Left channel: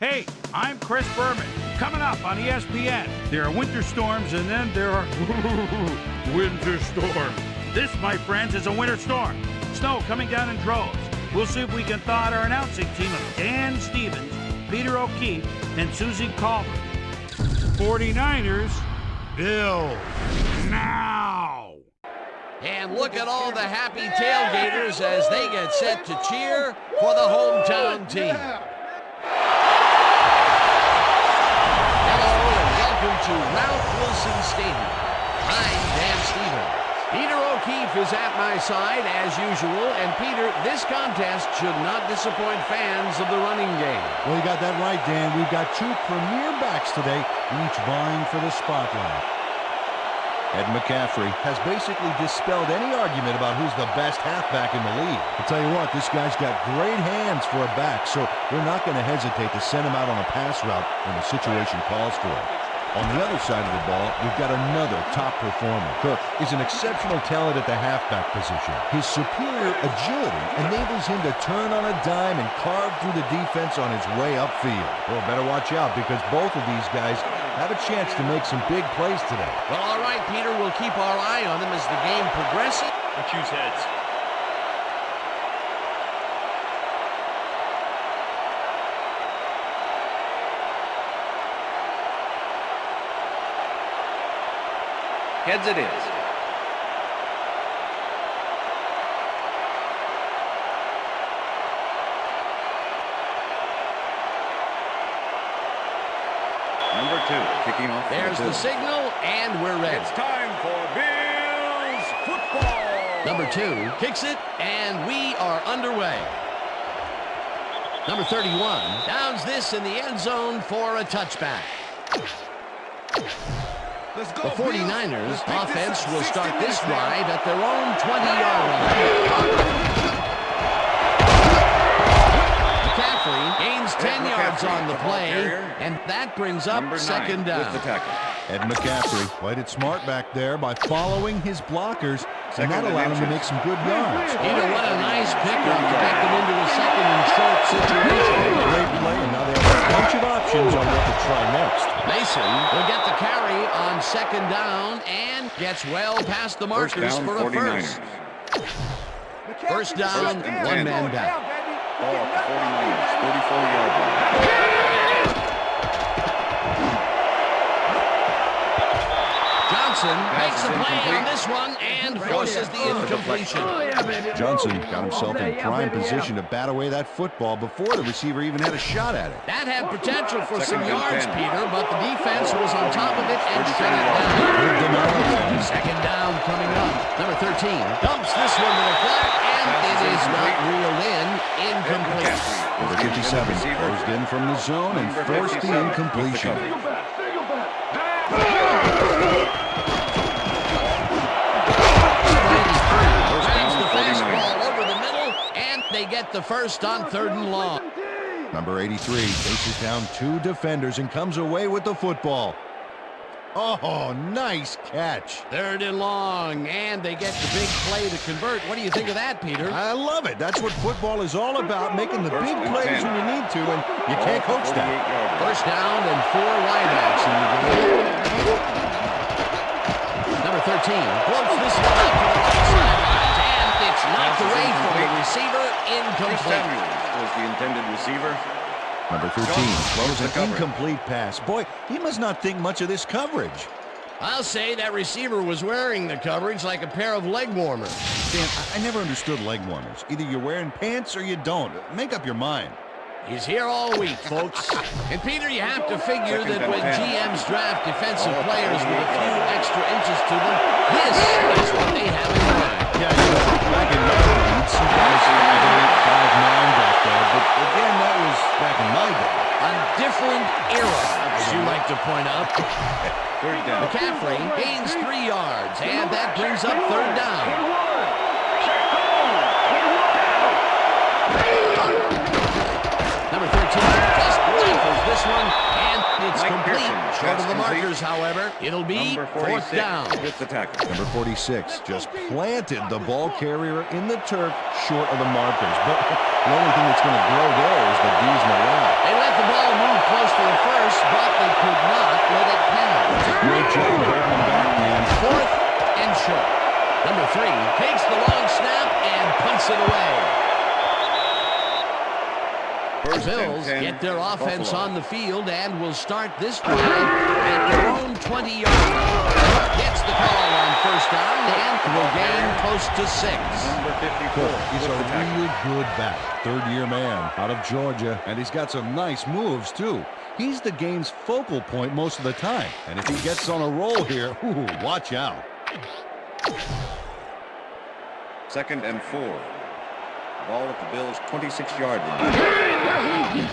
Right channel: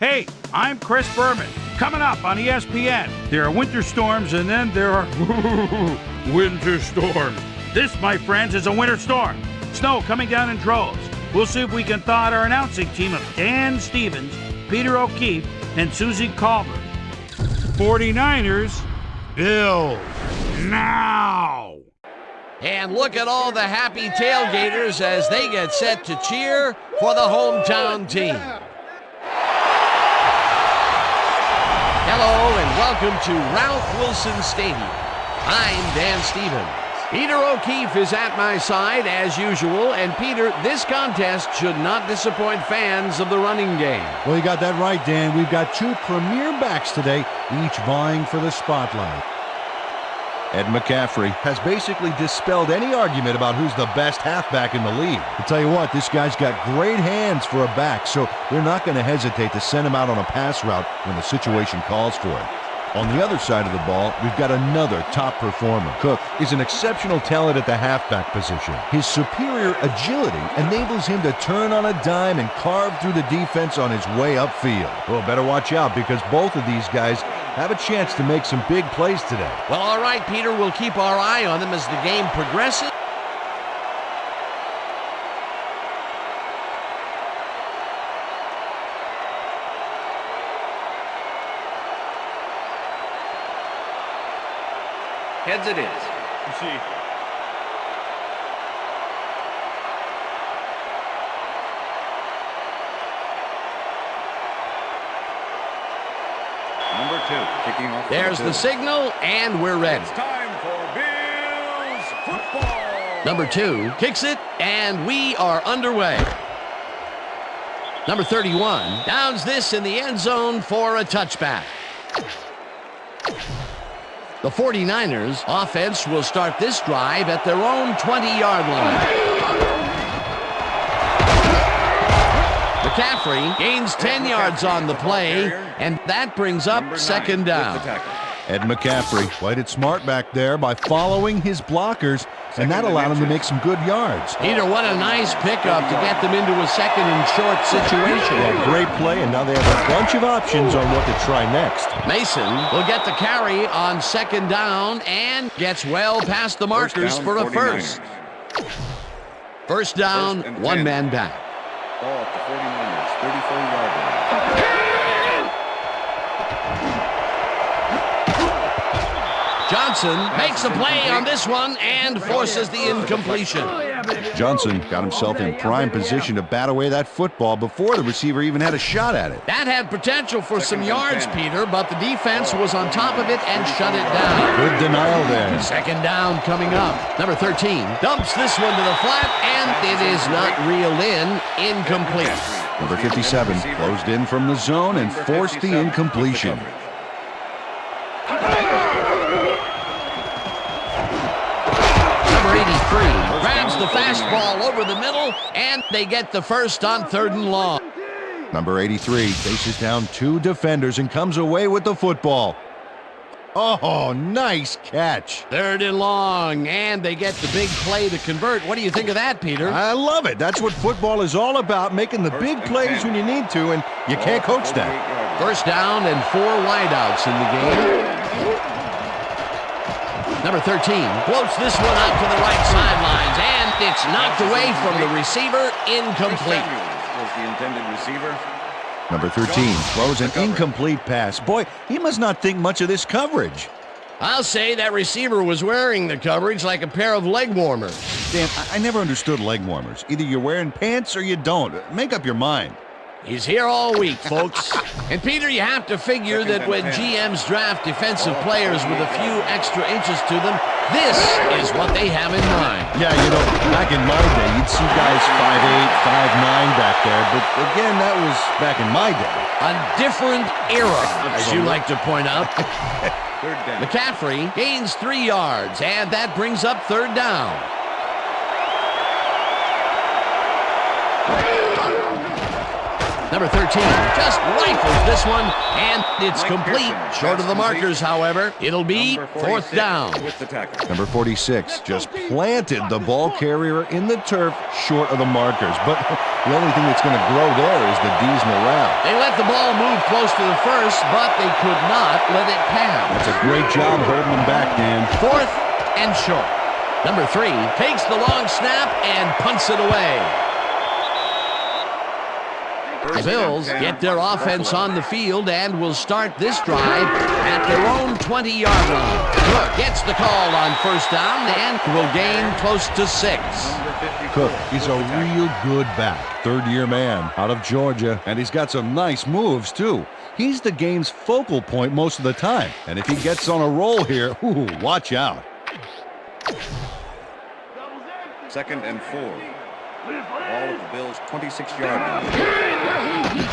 Hey, I'm Chris Berman. Coming up on ESPN, there are winter storms and then there are winter storms. This, my friends, is a winter storm. Snow coming down in droves. We'll see if we can thaw out our announcing team of Dan Stevens, Peter O'Keefe, and Susie Culver. 49ers, Bills, now! And look at all the happy tailgaters as they get set to cheer for the hometown team. Hello and welcome to Ralph Wilson Stadium. I'm Dan Stevens. Peter O'Keefe is at my side as usual, and Peter, this contest should not disappoint fans of the running game. Well, you got that right, Dan. We've got two premier backs today, each vying for the spotlight. Ed McCaffrey has basically dispelled any argument about who's the best halfback in the league. I'll tell you what, this guy's got great hands for a back, so they're not going to hesitate to send him out on a pass route when the situation calls for it. On the other side of the ball, we've got another top performer. Cook is an exceptional talent at the halfback position. His superior agility enables him to turn on a dime and carve through the defense on his way upfield. Well, better watch out because both of these guys have a chance to make some big plays today. Well, all right, Peter, we'll keep our eye on them as the game progresses. I'll choose heads. Heads it is. Number 2, kicking off. There's the signal, and we're ready. It's time for Bills football. Number 2 kicks it, and we are underway. Number 31 downs this in the end zone for a touchback. The 49ers offense will start this drive at their own 20-yard line. McCaffrey gains 10 yards on the play, and that brings up second down. Ed McCaffrey played it smart back there by following his blockers, and that allowed him to make some good yards. Peter, what a nice pickup to get them into a second and short situation. Yeah, great play, and now they have a bunch of options on what to try next. Mason will get the carry on second down and gets well past the markers for a first. First down, one man back. Ball at the 49ers, 34-yard line. Johnson makes a play on this one and forces the incompletion. Johnson got himself in prime position to bat away that football before the receiver even had a shot at it. That had potential for some yards, Peter, but the defense was on top of it and shut it down. Good denial there. Second down coming up. Number 13 dumps this one to the flat, and it is not reeled in. Incomplete. Number 57 closed in from the zone and forced the incompletion. Grabs the fastball over the middle, and they get the first on third and long. Number 83 faces down two defenders and comes away with the football. Oh, nice catch. Third and long, and they get the big play to convert. What do you think of that, Peter? I love it. That's what football is all about, making the big plays when you need to, and you can't coach that. First down and 4 wideouts in the game. Number 13 floats this one out to the right sidelines, and it's knocked away from the receiver. Incomplete. Was the intended receiver. Number 13 throws an incomplete pass. Boy, he must not think much of this coverage. I'll say that receiver was wearing the coverage like a pair of leg warmers. Dan, I never understood leg warmers. Either you're wearing pants or you don't. Make up your mind. He's here all week, folks. And Peter, you have to figure that when GMs draft defensive players with a few extra inches to them, this is what they have in mind. Yeah, you know, back in my day, you'd see guys 5'8", 5'9" back there, but again, that was back in my day. A different era, as you like to point out. Third down. McCaffrey gains 3 yards, and that brings up third down. Number 13 just rifles this one, and it's Mike complete. Pearson, Short of the pass complete. markers, however. It'll be Number fourth 46 down. with the tackle. Number 46 just planted the ball carrier in the turf short of the markers. But the only thing that's going to grow there is the D's morale. They let the ball move close to the first, but they could not let it pass. That's a great job holding them back, Dan. Fourth and short. Number 3 takes the long snap and punts it away. The First Bills and 10, get their offense Buffalo. on the field and will start this drive at their own 20-yard line. Cook gets the call on first down and will gain close to 6. Number 54 Cook, he's with a the tackle. real good back. Third-year man out of Georgia, and he's got some nice moves, too. He's the game's focal point most of the time, and if he gets on a roll here, ooh, watch out. Second and 4. Ball at the Bills' 26-yard line.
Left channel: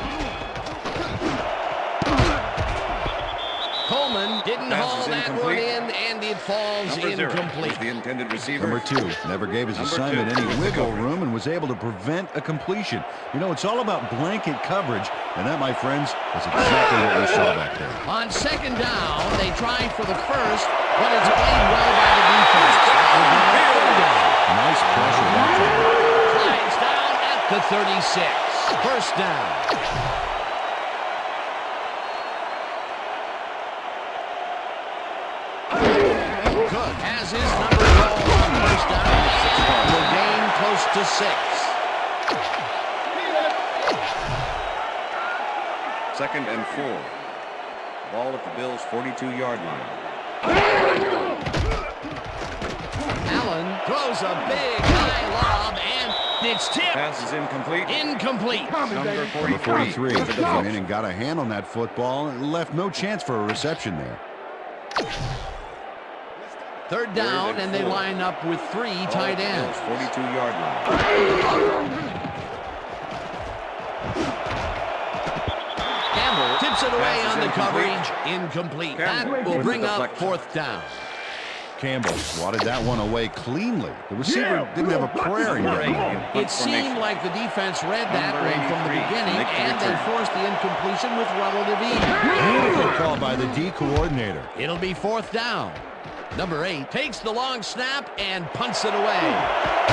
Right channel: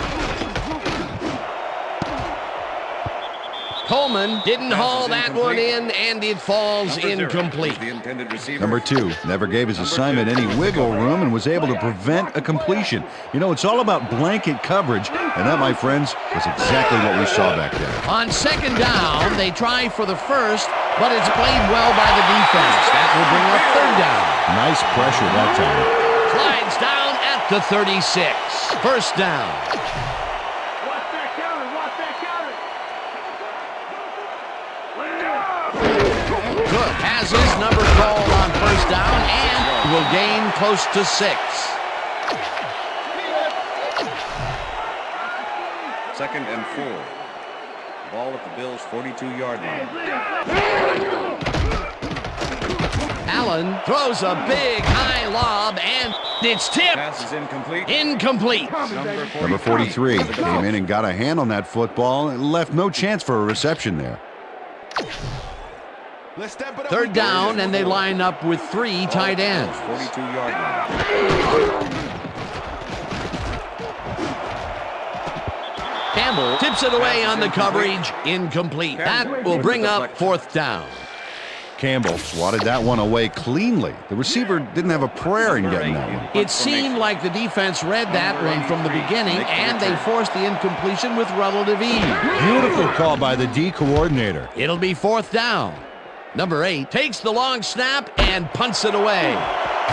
Coleman didn't Pass haul is that one incomplete. in, and it falls Number 0 incomplete. is the intended receiver. Number 2 never gave his Number assignment 2 any was the wiggle cover. room and was able to prevent a completion. You know, it's all about blanket coverage, and that, my friends, was exactly what we saw back there. On second down, they try for the first, but it's played well by the defense. That will bring up third down. Nice pressure that time. Slides down at the 36. First down. Cook has his number called on first down and will gain close to 6. Second and 4. Ball at the Bills' 42-yard line. Allen throws a big high lob, and it's tipped. Pass is incomplete. Incomplete. Number 43 with the came defense. in and got a hand on that football and left no chance for a reception there. Third down, and they line up with 3 Ball tight at the ends. Bills' 42-yard line. Campbell tips it away Pass is on the incomplete. coverage. Incomplete. Campbell That will with bring the up deflection. fourth down. Campbell swatted that one away cleanly. The receiver didn't have a prayer in getting that one. It seemed like the defense read that Number one from the 83 beginning, makes the and they return. forced the incompletion with relative ease. Beautiful call by the D coordinator. It'll be fourth down. Number 8 takes the long snap and punts it away.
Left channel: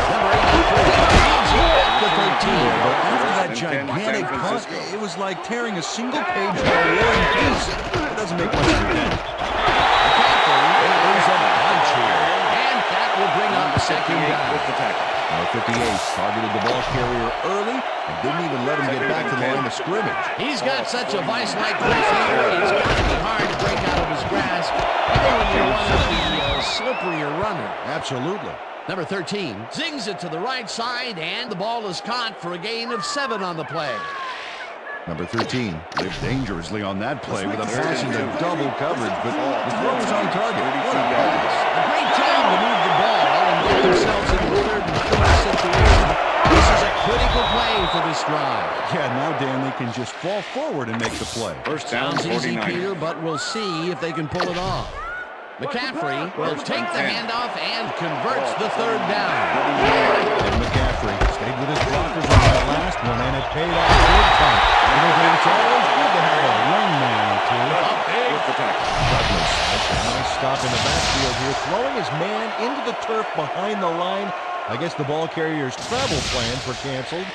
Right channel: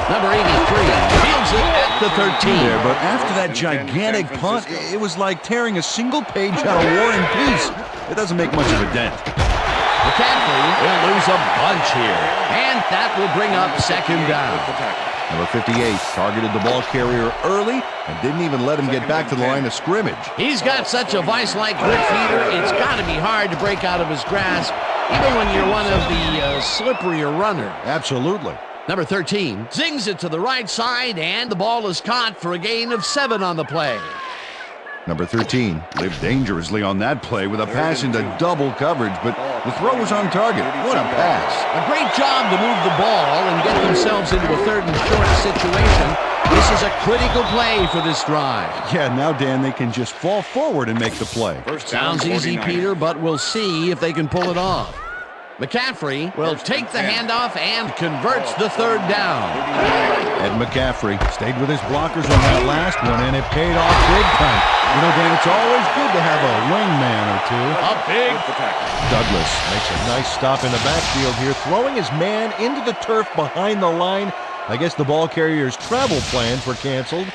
Number 83 fields it at the 13. There, but after that First and 10, gigantic San punt, Francisco. it was like tearing a single page out of War and Peace. It doesn't make much of a dent. McCaffrey will lose a bunch here, and that will bring up second 58 down. with the tackle. Number 58 targeted the ball carrier early and didn't even let him get back to the line of scrimmage. He's got such a vice-like grip feeder, it's got to be hard to break out of his grasp, even when you're one of the slipperier runners. Absolutely. Number 13 zings it to the right side, and the ball is caught for a gain of 7 on the play. Number 13 lived dangerously on that play with a pass into double coverage, but the throw was on target. What a pass. A great job to move the ball and get themselves into a third and short situation. This is a critical play for this drive. Yeah, now, Dan, they can just fall forward and make the play. First down, Sounds easy, 49. Peter, but we'll see if they can pull it off. McCaffrey will First take and the 10. handoff and converts the third down. Ed McCaffrey stayed with his blockers on that last one, and it paid off big time. You know, Dan, it's always good to have a wingman or two. A big with the tackle. Douglas makes a nice stop in the backfield here, throwing his man into the turf behind the line. I guess the ball carrier's travel plans were canceled.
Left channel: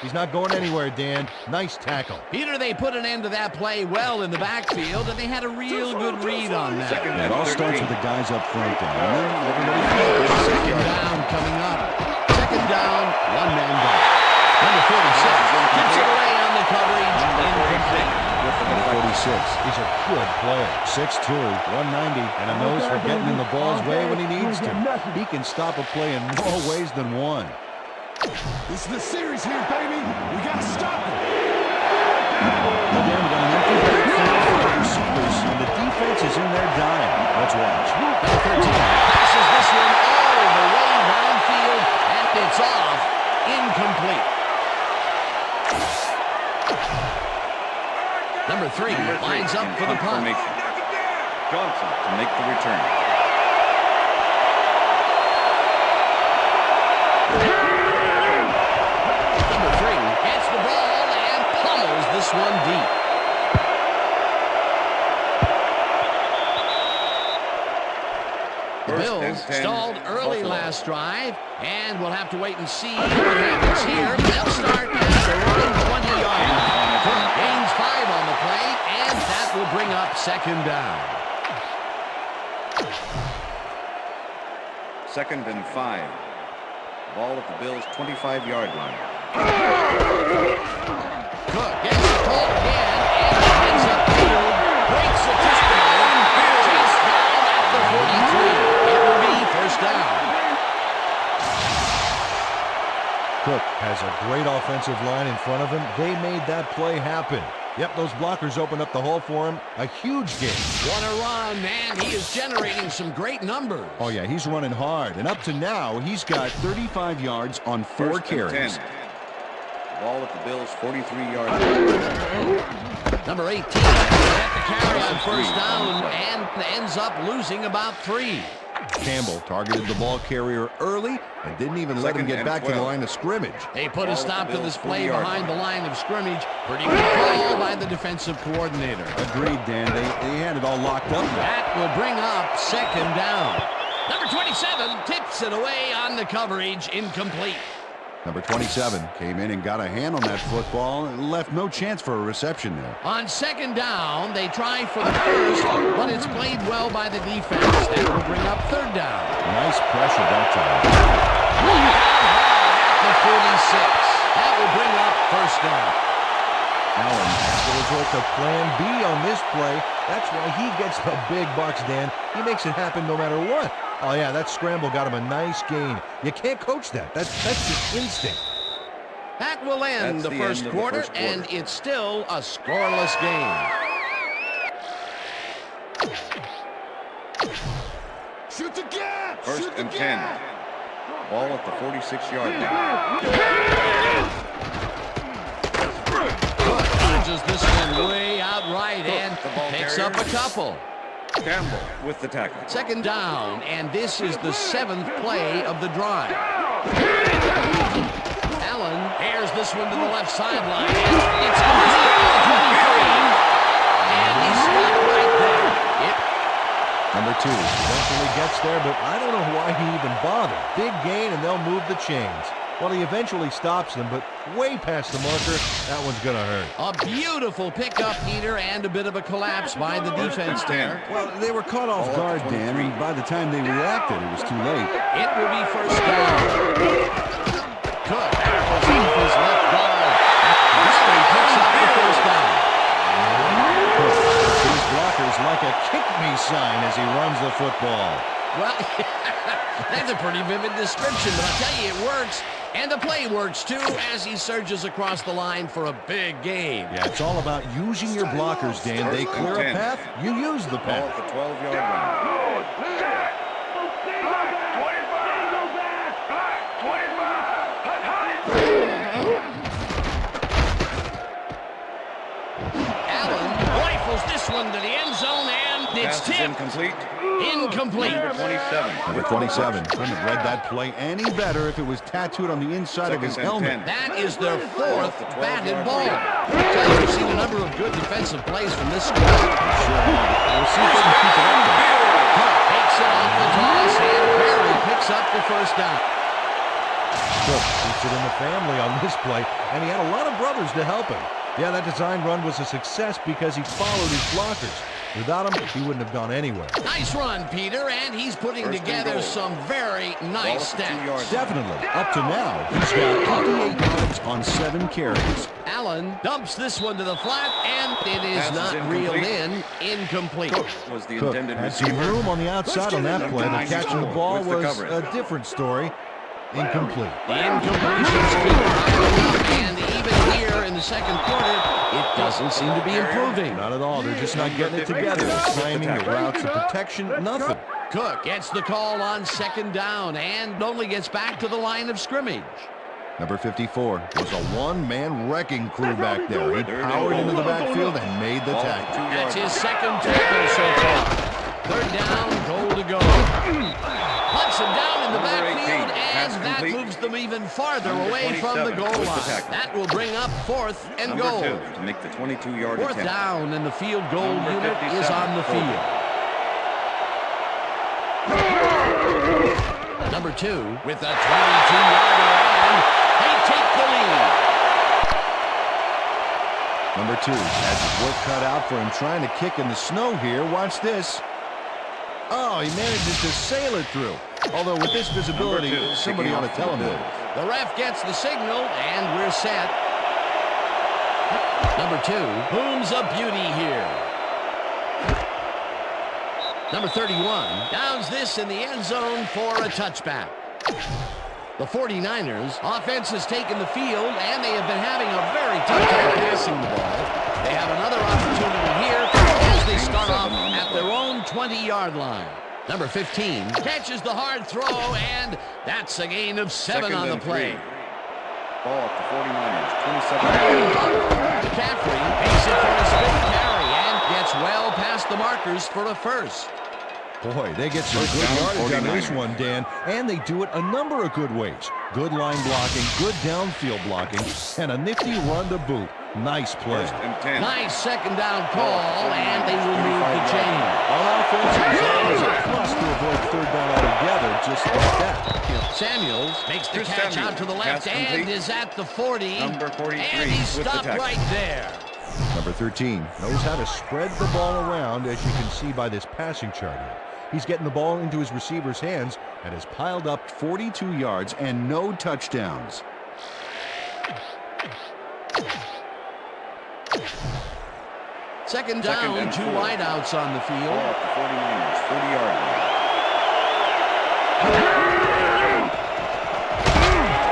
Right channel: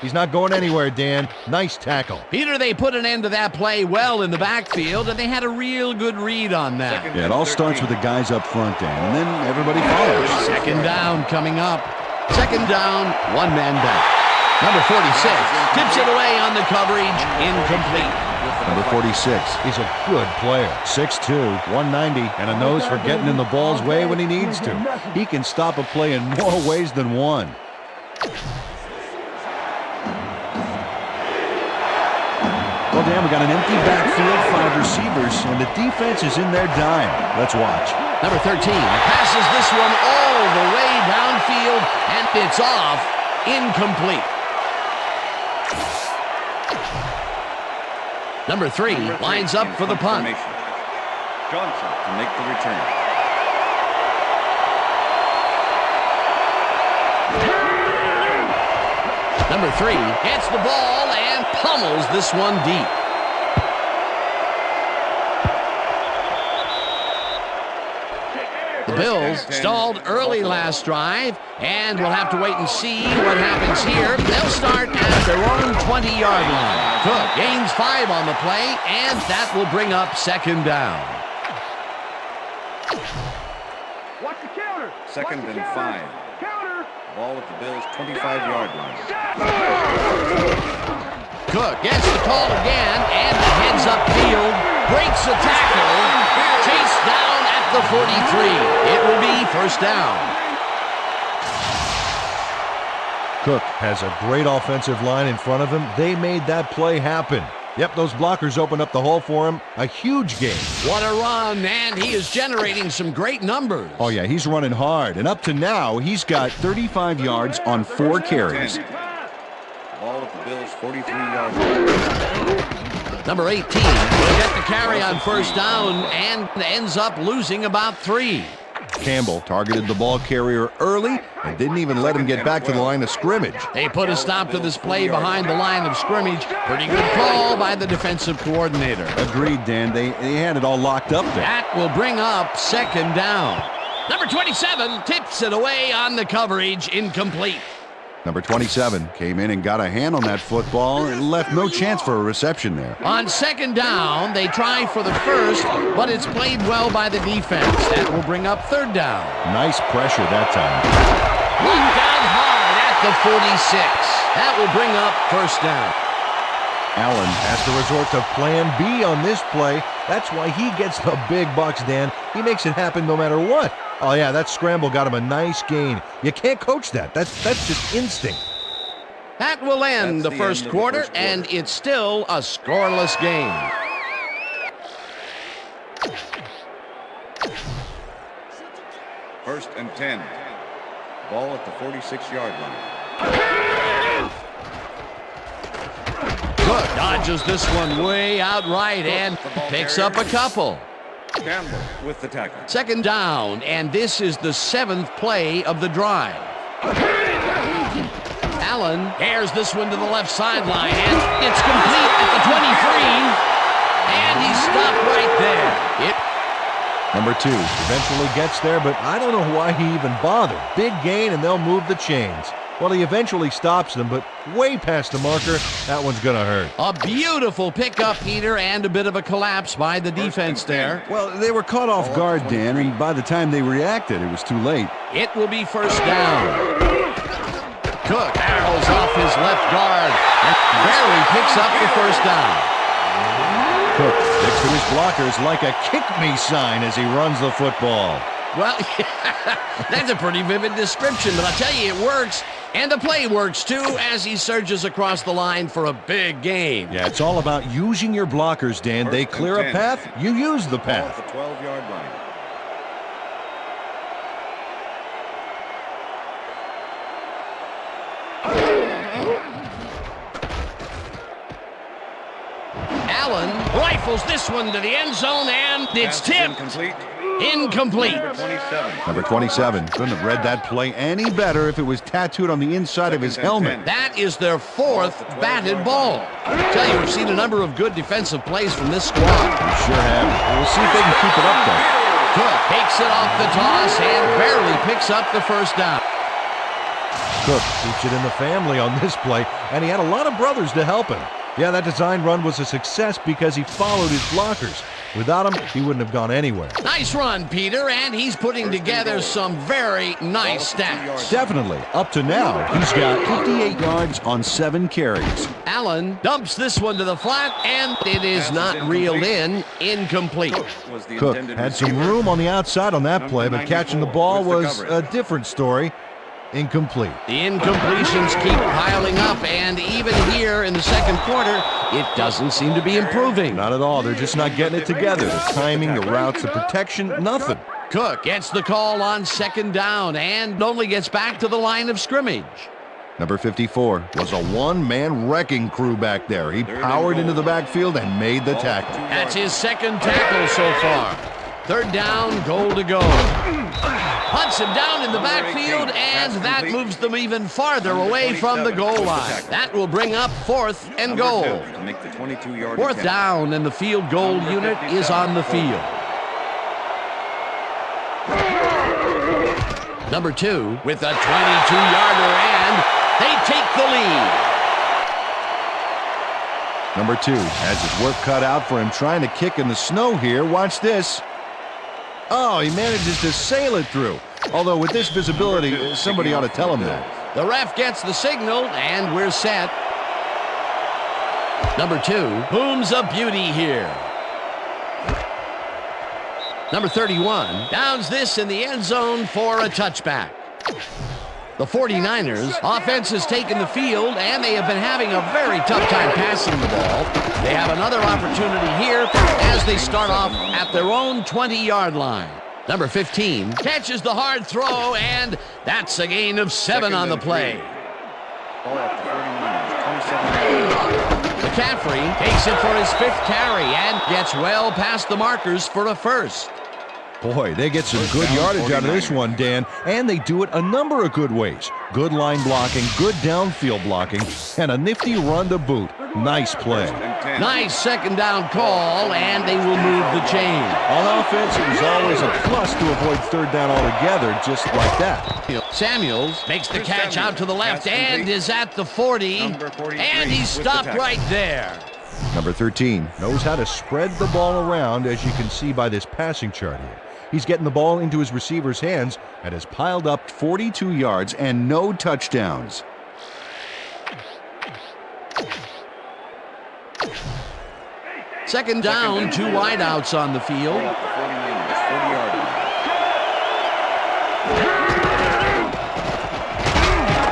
He's not going anywhere, Dan. Nice tackle. Peter, they put an end to that play well in the backfield, and they had a real good read on that. Second Yeah, it and all starts 13. with the guys up front, Dan, and then everybody follows. Second down coming up. Second down, one man back. Number 46 tips it away on the coverage. Incomplete. Number 46 is a good player. 6'2", 190, and a nose for getting in the ball's way when he needs to. He can stop a play in more ways than one. This is the series here, baby. We gotta stop it. Well, Dan, we got an empty backfield, 5 receivers, and the defense is in their dime. Let's watch. Number 13 passes this one all the way downfield, and it's off. Incomplete. Number 3 Number 3 lines up in for the punt. formation. Johnson to make the return. Number 3 gets the ball and pummels this one deep. The Bills stalled early last drive, and we'll have to wait and see what happens here. They'll start at their own 20-yard line. Cook gains 5 on the play, and that will bring up second down. Second and 5. Ball at the Bills' 25-yard line. Cook gets the call again, and heads upfield, breaks a tackle, chased down at the 43. It will be first down. Cook has a great offensive line in front of him. They made that play happen. Yep, those blockers opened up the hole for him. A huge gain. What a run, and he is generating some great numbers. Oh, yeah, he's running hard. And up to now, he's got 35 yards on 4 carries. Ball at the Bills' 43-yard line. Number 18 will get the carry on first down and ends up losing about 3. Campbell targeted the ball carrier early and didn't even let him get back to the line of scrimmage. They put a stop to this play behind the line of scrimmage. Pretty good call by the defensive coordinator. Agreed, Dan. They had it all locked up there. That will bring up second down. Number 27 tips it away on the coverage, incomplete. Number 27 came in and got a hand on that football and left no chance for a reception there. On second down, they try for the first, but it's played well by the defense. That will bring up third down. Nice pressure that time. Locked down hard at the 46. That will bring up first down. Allen has to resort to plan B on this play. That's why he gets the big bucks, Dan. He makes it happen no matter what. Oh, yeah, that scramble got him a nice gain. You can't coach that. That's just instinct. That will end the first quarter, and it's still a scoreless game. Shoot the gap! First and 10. Ball at the 46-yard line. Cook dodges this one way out right and picks up a couple. Campbell with the tackle. Second down, and this is the 7th play of the drive. Allen airs this one to the left sideline, and it's complete at the 23, and he stopped right there. Number 2 eventually gets there, but I don't know why he even bothered. Big gain, and they'll move the chains. Well, he eventually stops them, but way past the marker. That one's going to hurt. A beautiful pickup, Peter, and a bit of a collapse by the defense there. Well, they were caught off guard, Dan, and by the time they reacted, it was too late. It will be first down. Cook barrels off his left guard and barely picks up the first down. Cook sticks to his blockers like a kick-me sign as he runs the football. Well, that's a pretty vivid description, but I'll tell you, it works. And the play works, too, as he surges across the line for a big gain. Yeah, it's all about using your blockers, Dan. They clear a path, you use the path. Ball at the 12-yard line. Allen rifles this one to the end zone, and it's Pass is tipped. incomplete. Incomplete. Number 27. Number 27 couldn't have read that play any better if it was tattooed on the inside of his helmet. That is their 4th batted ball. I tell you, we've seen a number of good defensive plays from this squad. We sure have. We'll see if they can keep it up, though. Cook takes it off the toss and barely picks up the first down. Cook keeps it in the family on this play, and he had a lot of brothers to help him. Yeah, that design run was a success because he followed his blockers. Without him, he wouldn't have gone anywhere. Nice run, Peter, and he's putting together some very nice stats. Definitely. Up to now, he's got 58 yards on 7 carries. Allen dumps this one to the flat, and it is not reeled in. Incomplete. Cook had some room on the outside on that play, but catching the ball was a different story. Incomplete. The incompletions keep piling up, and even here in the second quarter, it doesn't seem to be improving. Not at all. They're just not getting it together. The timing, the routes, the protection, nothing. Cook gets the call on second down and only gets back to the line of scrimmage. Number 54 was a one-man wrecking crew back there. He powered into the backfield and made the tackle. That's his second tackle so far. Third down, goal to go. Hunts him down in the Number 18, backfield, and pass that complete. moves them even farther Number away from the 27 goal with the line. tackle. That will bring up 4th and Number goal. 2 to make the 22-yard 4th attempt. down, and the field goal Number unit 57, is on the holding. field. Number 2 with a 22-yarder, and they take the lead. Number 2 has his work cut out for him trying to kick in the snow here. Watch this. Oh, he manages to sail it through. Although with this visibility, Number 2, somebody kicking ought to off tell for him the that. Bills. The ref gets the signal, and we're set. Number 2 booms a beauty here. Number 31 downs this in the end zone for a touchback. The 49ers offense has taken the field, and they have been having a very tough time passing the ball. They have another opportunity here as they start off at their own 20-yard line. Number 15 catches the hard throw, and that's a gain of 7 Second on the and play. 3. Ball at the 49ers, 27-yard. McCaffrey takes it for his 5th carry and gets well past the markers for a first. Boy, they get some First good down, yardage out of this 49ers. one, Dan, and they do it a number of good ways. Good line blocking, good downfield blocking, and a nifty run to boot. Nice play. First and 10. Nice second down call, and they will move the chain. On offense, it was always a plus to avoid 3rd down altogether, just like that. Samuels makes the Here's catch Samuels. out to the left Pass and complete. is at the 40. Number 43 And he's with the stopped tackle. right there. Number 13 knows how to spread the ball around, as you can see by this passing chart here. He's getting the ball into his receiver's hands and has piled up 42 yards and no touchdowns. Second down, and 2 4. wideouts on the field. Ball at the 49ers, 40-yard line.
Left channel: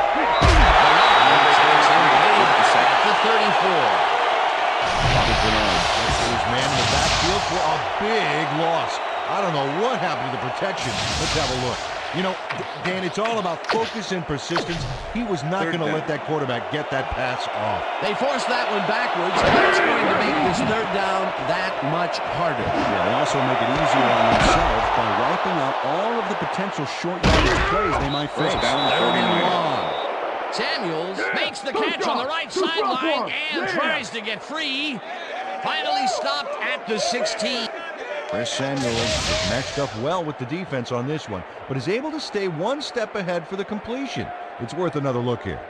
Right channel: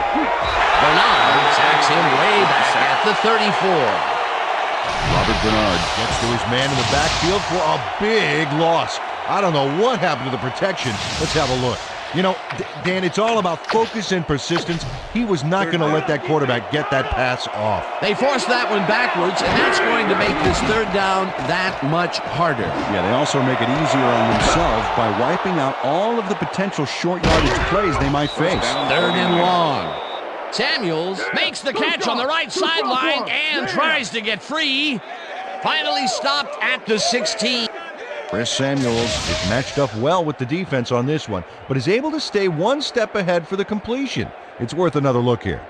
Bernard sacks him way back at the 34. Robert Bernard gets to his man in the backfield for a big loss. I don't know what happened to the protection. Let's have a look. You know, Dan, it's all about focus and persistence. He was not Third going to down. let that quarterback get that pass off. They forced that one backwards, and that's going to make this 3rd down that much harder. Yeah, they also make it easier on themselves by wiping out all of the potential short yardage plays they might face. First down, 3rd and 49ers. long. Samuels makes the catch on the right sideline and tries to get free. Finally stopped at the 16. Chris Samuels is matched up well with the defense on this one, but is able to stay one step ahead for the completion. It's worth another look here.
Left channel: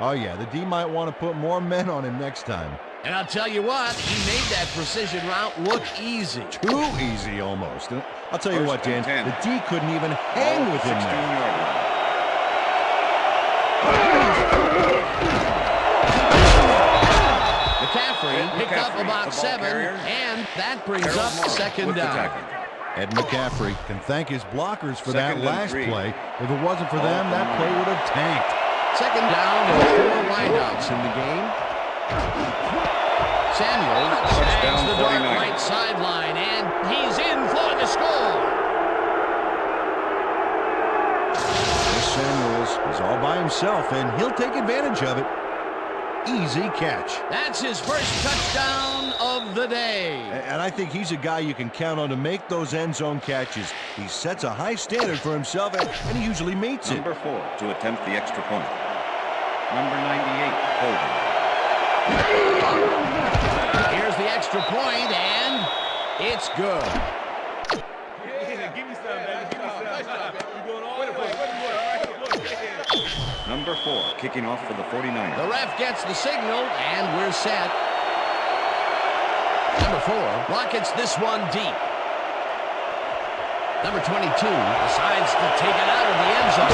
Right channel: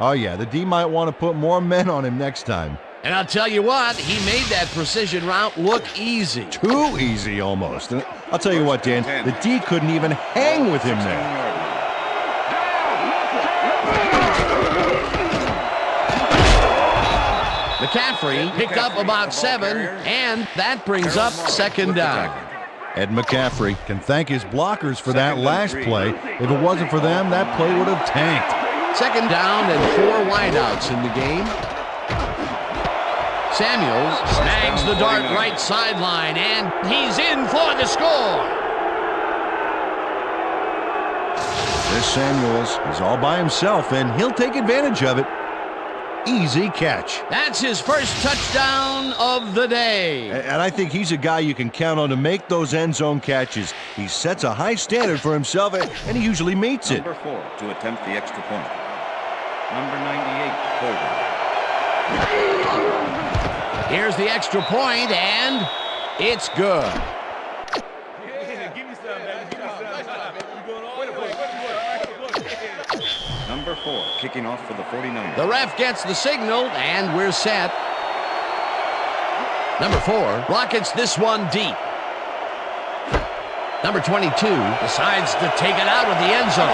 Oh yeah, the D might want to put more men on him next time. And I'll tell you what, he made that precision route look easy. Too easy almost. And I'll tell you what, Dan, First and the 10. D couldn't even hang with him there. 16-yard line. McCaffrey picked up McCaffrey, about the ball 7, carrier. and that brings Harold up Morris 2nd with the down. tackle. Ed McCaffrey can thank his blockers for that Second and last 3. play. If it wasn't for them, that play would have tanked. 2nd down and 4 wideouts in the game. Samuels snags down, the dart 49. right sideline, and he's in for the score. Chris Samuels is all by himself, and he'll take advantage of it. Easy catch. That's his first touchdown of the day. And I think he's a guy you can count on to make those end zone catches. He sets a high standard for himself, and he usually meets it. Number 4 to attempt the extra point. Number 98, holding. Here's the extra point, and it's good. Number 4 kicking off for the 49ers. The ref gets the signal, and we're set. Number 4 rockets this one deep. Number 22 decides to take it out of the end zone.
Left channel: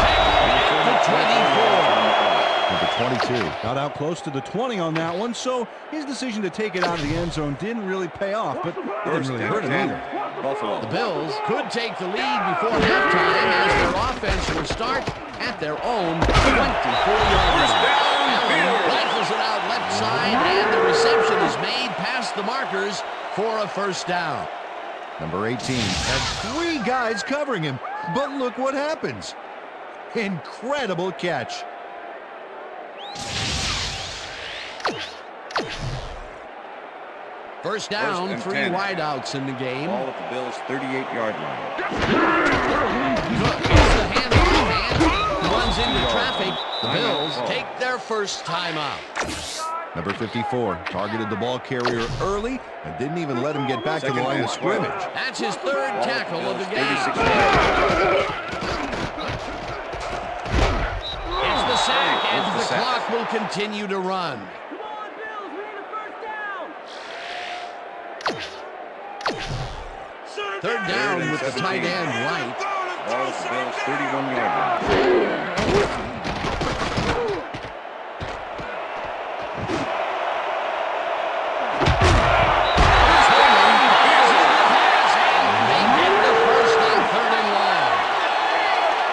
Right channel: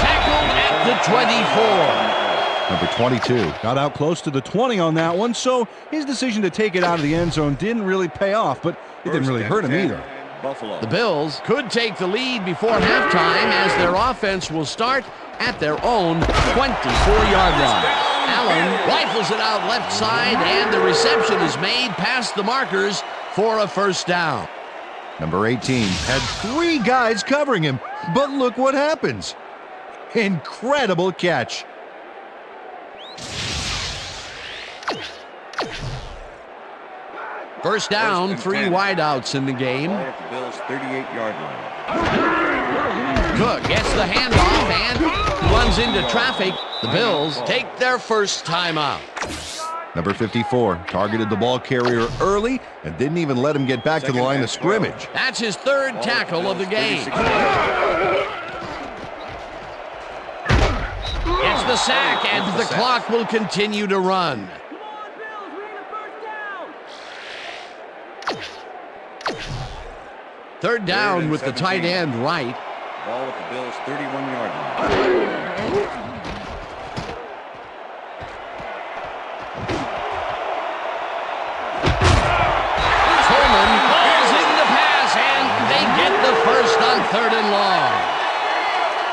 Tackled at the 24. Number 22 got out close to the 20 on that one, so his decision to take it out of the end zone didn't really pay off, but it didn't really hurt him either. Buffalo. The Bills could take the lead before halftime as their offense will start at their own 24-yard line. Allen rifles it out left side, and the reception is made past the markers for a first down. Number 18 had 3 guys covering him, but look what happens. Incredible catch. First down, First and 3 10. wideouts in the game. Ball at the Bills' 38-yard line. Cook gets the handoff and runs into traffic. The Bills take their first timeout. Number 54 targeted the ball carrier early and didn't even let him get back to the Second line and of 12. scrimmage. That's his third Ball at tackle of the Bills' game. 36-yard It's the sack, and the clock will continue to run. Come on, Bills, we need a first down. Third down with the 17. tight end right. Ball at the Bills' 31-yard line. Coleman falls in the pass, and they get the first on 3rd and long.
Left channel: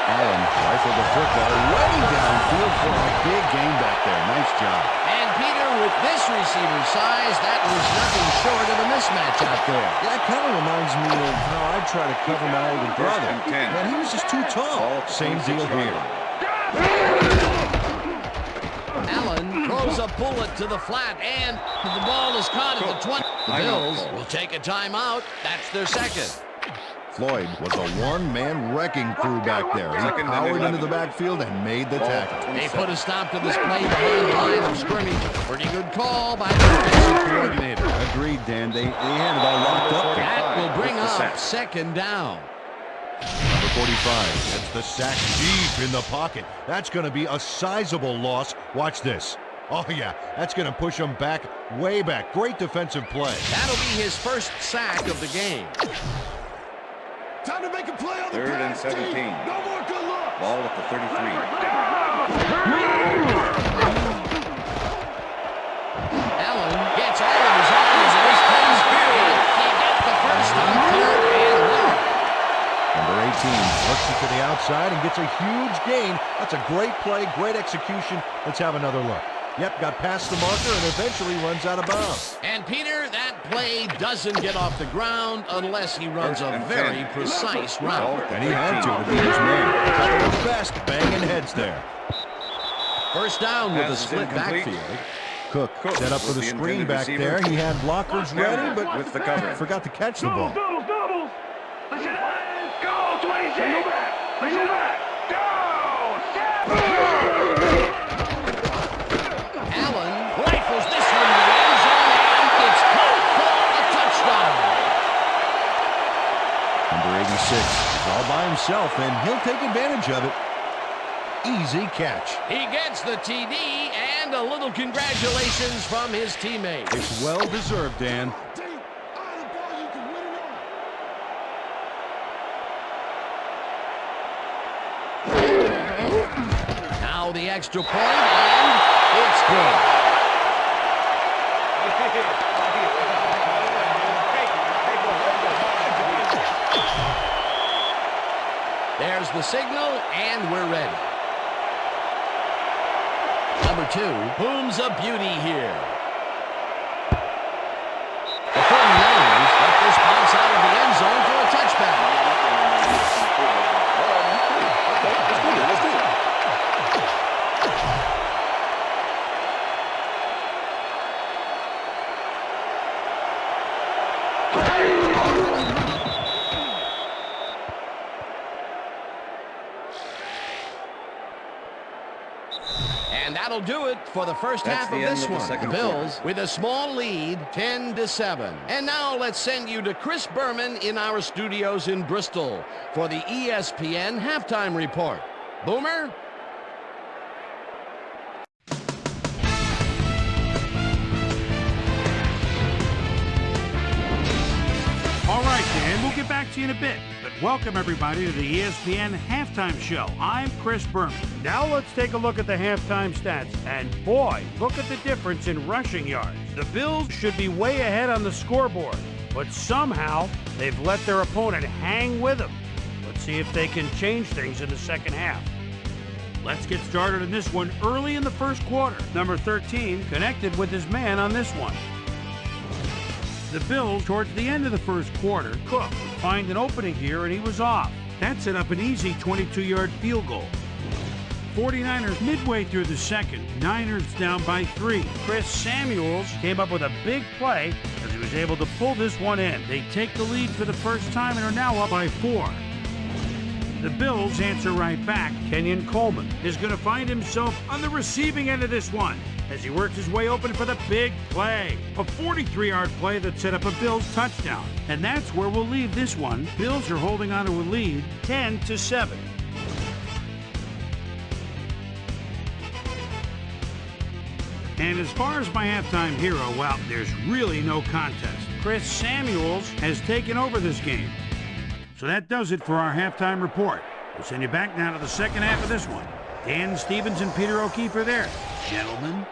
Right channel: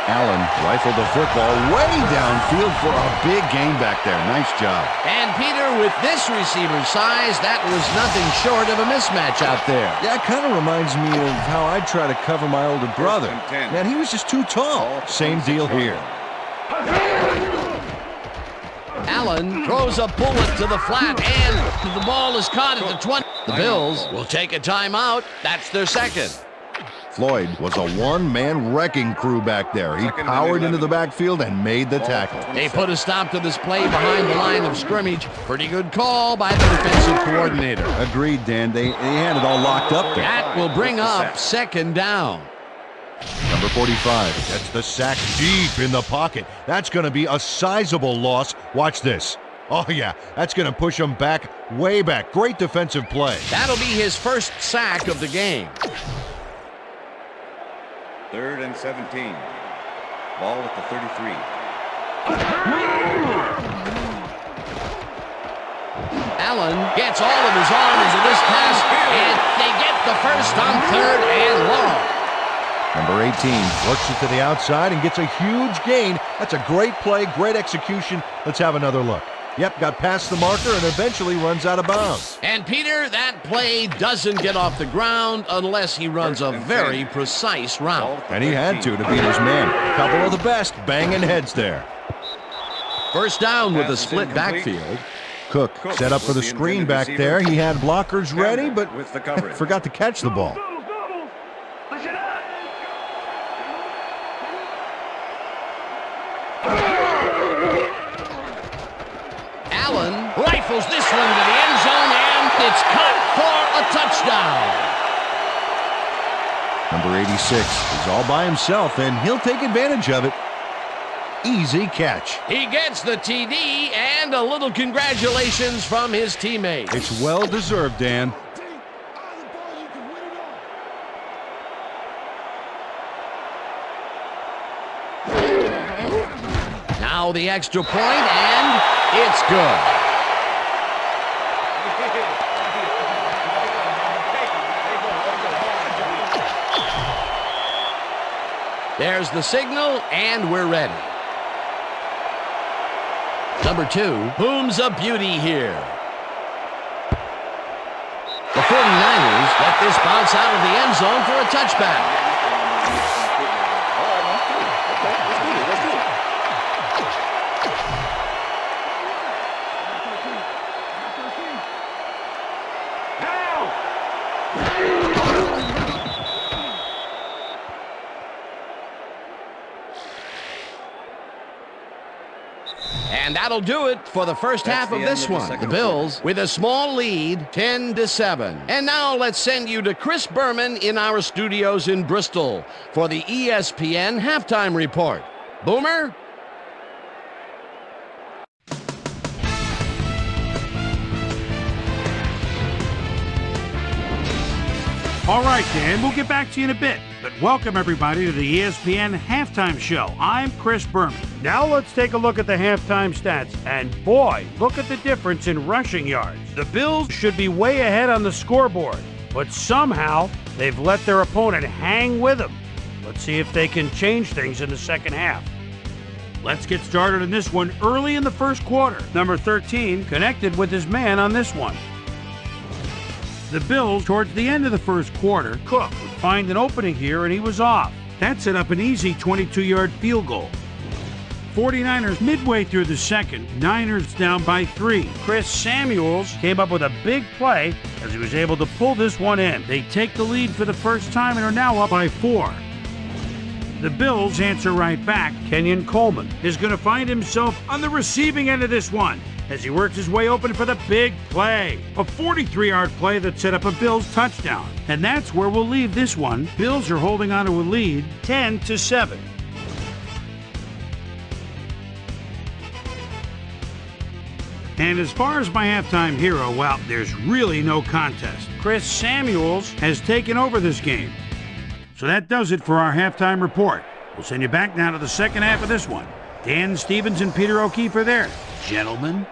Allen rifled the football way downfield for a big gain back there. Nice job. And Peter, with this receiver's size, that was nothing short of a mismatch out there. Yeah, it kind of reminds me of how I'd try to cover my older brother. and 10. Man, he was just too tall. Ball at the Same deal 26-yard here. line. Allen throws a bullet to the flat, and the ball is caught at the 20. The Bills will take a timeout. That's their second. Floyd was a one-man wrecking crew back there. He Second and powered 11. into the backfield and made the Ball at tackle. the They 27. put a stop to this play behind the line of scrimmage. Pretty good call by the defensive coordinator. Agreed, Dan. They had it all locked up there. That will bring With the up sack. 2nd down. Number 45 gets the sack deep in the pocket. That's going to be a sizable loss. Watch this. Oh, yeah, that's going to push him back, way back. Great defensive play. That'll be his first sack of the game. Time to make a play on the 3rd and pass. 17. No more good luck. Ball at the 33. Allen gets all of his arm into this pass, and they get the first on 3rd and long. Number 18 works it to the outside and gets a huge gain. That's a great play, great execution. Let's have another look. Yep, got past the marker and eventually runs out of bounds. And Peter, that play doesn't get off the ground unless he runs a First and very 10. precise Ball route. at the And he had 13. to beat his man. Couple of the best banging heads there. First down with a Pass is split incomplete. backfield. Cook set up for the was the screen intended back receiver. there. He had blockers ready, Denver but with the coverage. forgot to catch the ball. Doubles, doubles. Listen up. Go, 26. Go back. Go back. Allen rifles this one to the end zone, and it's caught for a touchdown. Number 86 is all by himself, and he'll take advantage of it. Easy catch. He gets the TD and a little congratulations from his teammates. It's well deserved, Dan. D, out of the ball, you can win it all. Now the extra point, and it's good. There's the signal, and we're ready. Number 2 booms a beauty here. The 49ers let this bounce out of the end zone for a touchback. All right, man. Cool. Okay, let's do it. Let's do it. And that'll do it for the first That's half the of end this of the one. The second Bills with a small lead, 10-7. And now let's send you to Chris Berman in our studios in Bristol for the ESPN halftime report. Boomer? All right, Dan, we'll get back to you in a bit. But welcome, everybody, to the ESPN Halftime Show. I'm Chris Berman. Now let's take a look at the halftime stats. And boy, look at the difference in rushing yards. The Bills should be way ahead on the scoreboard, but somehow they've let their opponent hang with them. Let's see if they can change things in the second half. Let's get started in this one early in the first quarter. Number 13 connected with his man on this one. The Bills, towards the end of the first quarter, Cook would find an opening here and he was off. That set up an easy 22-yard field goal. 49ers midway through the second. Niners down by 3. Chris Samuels came up with a big play as he was able to pull this one in. They take the lead for the first time and are now up by 4. The Bills answer right back. Kenyon Coleman is going to find himself on the receiving end of this one as he works his way open for the big play. A 43-yard play that set up a Bills touchdown. And that's where we'll leave this one. Bills are holding on to a lead 10-7. And as far as my halftime hero, well, there's really no contest. Chris Samuels has taken over this game. So that does it for our halftime report. We'll send you back now to the second half of this one. Dan Stevens and Peter O'Keefe are there. Gentlemen.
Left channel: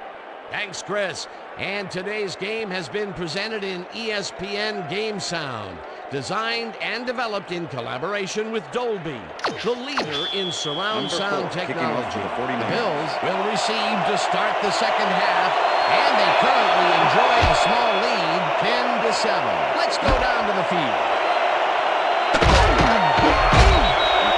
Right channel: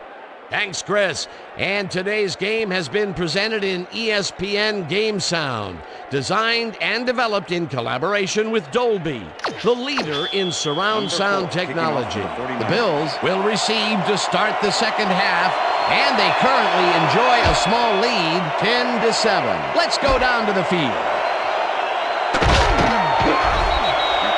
Thanks, Chris. And today's game has been presented in ESPN Game Sound, designed and developed in collaboration with Dolby, the leader in surround sound technology. The Bills will receive to start the second half, and they currently enjoy a small lead, 10-7. Let's go down to the field.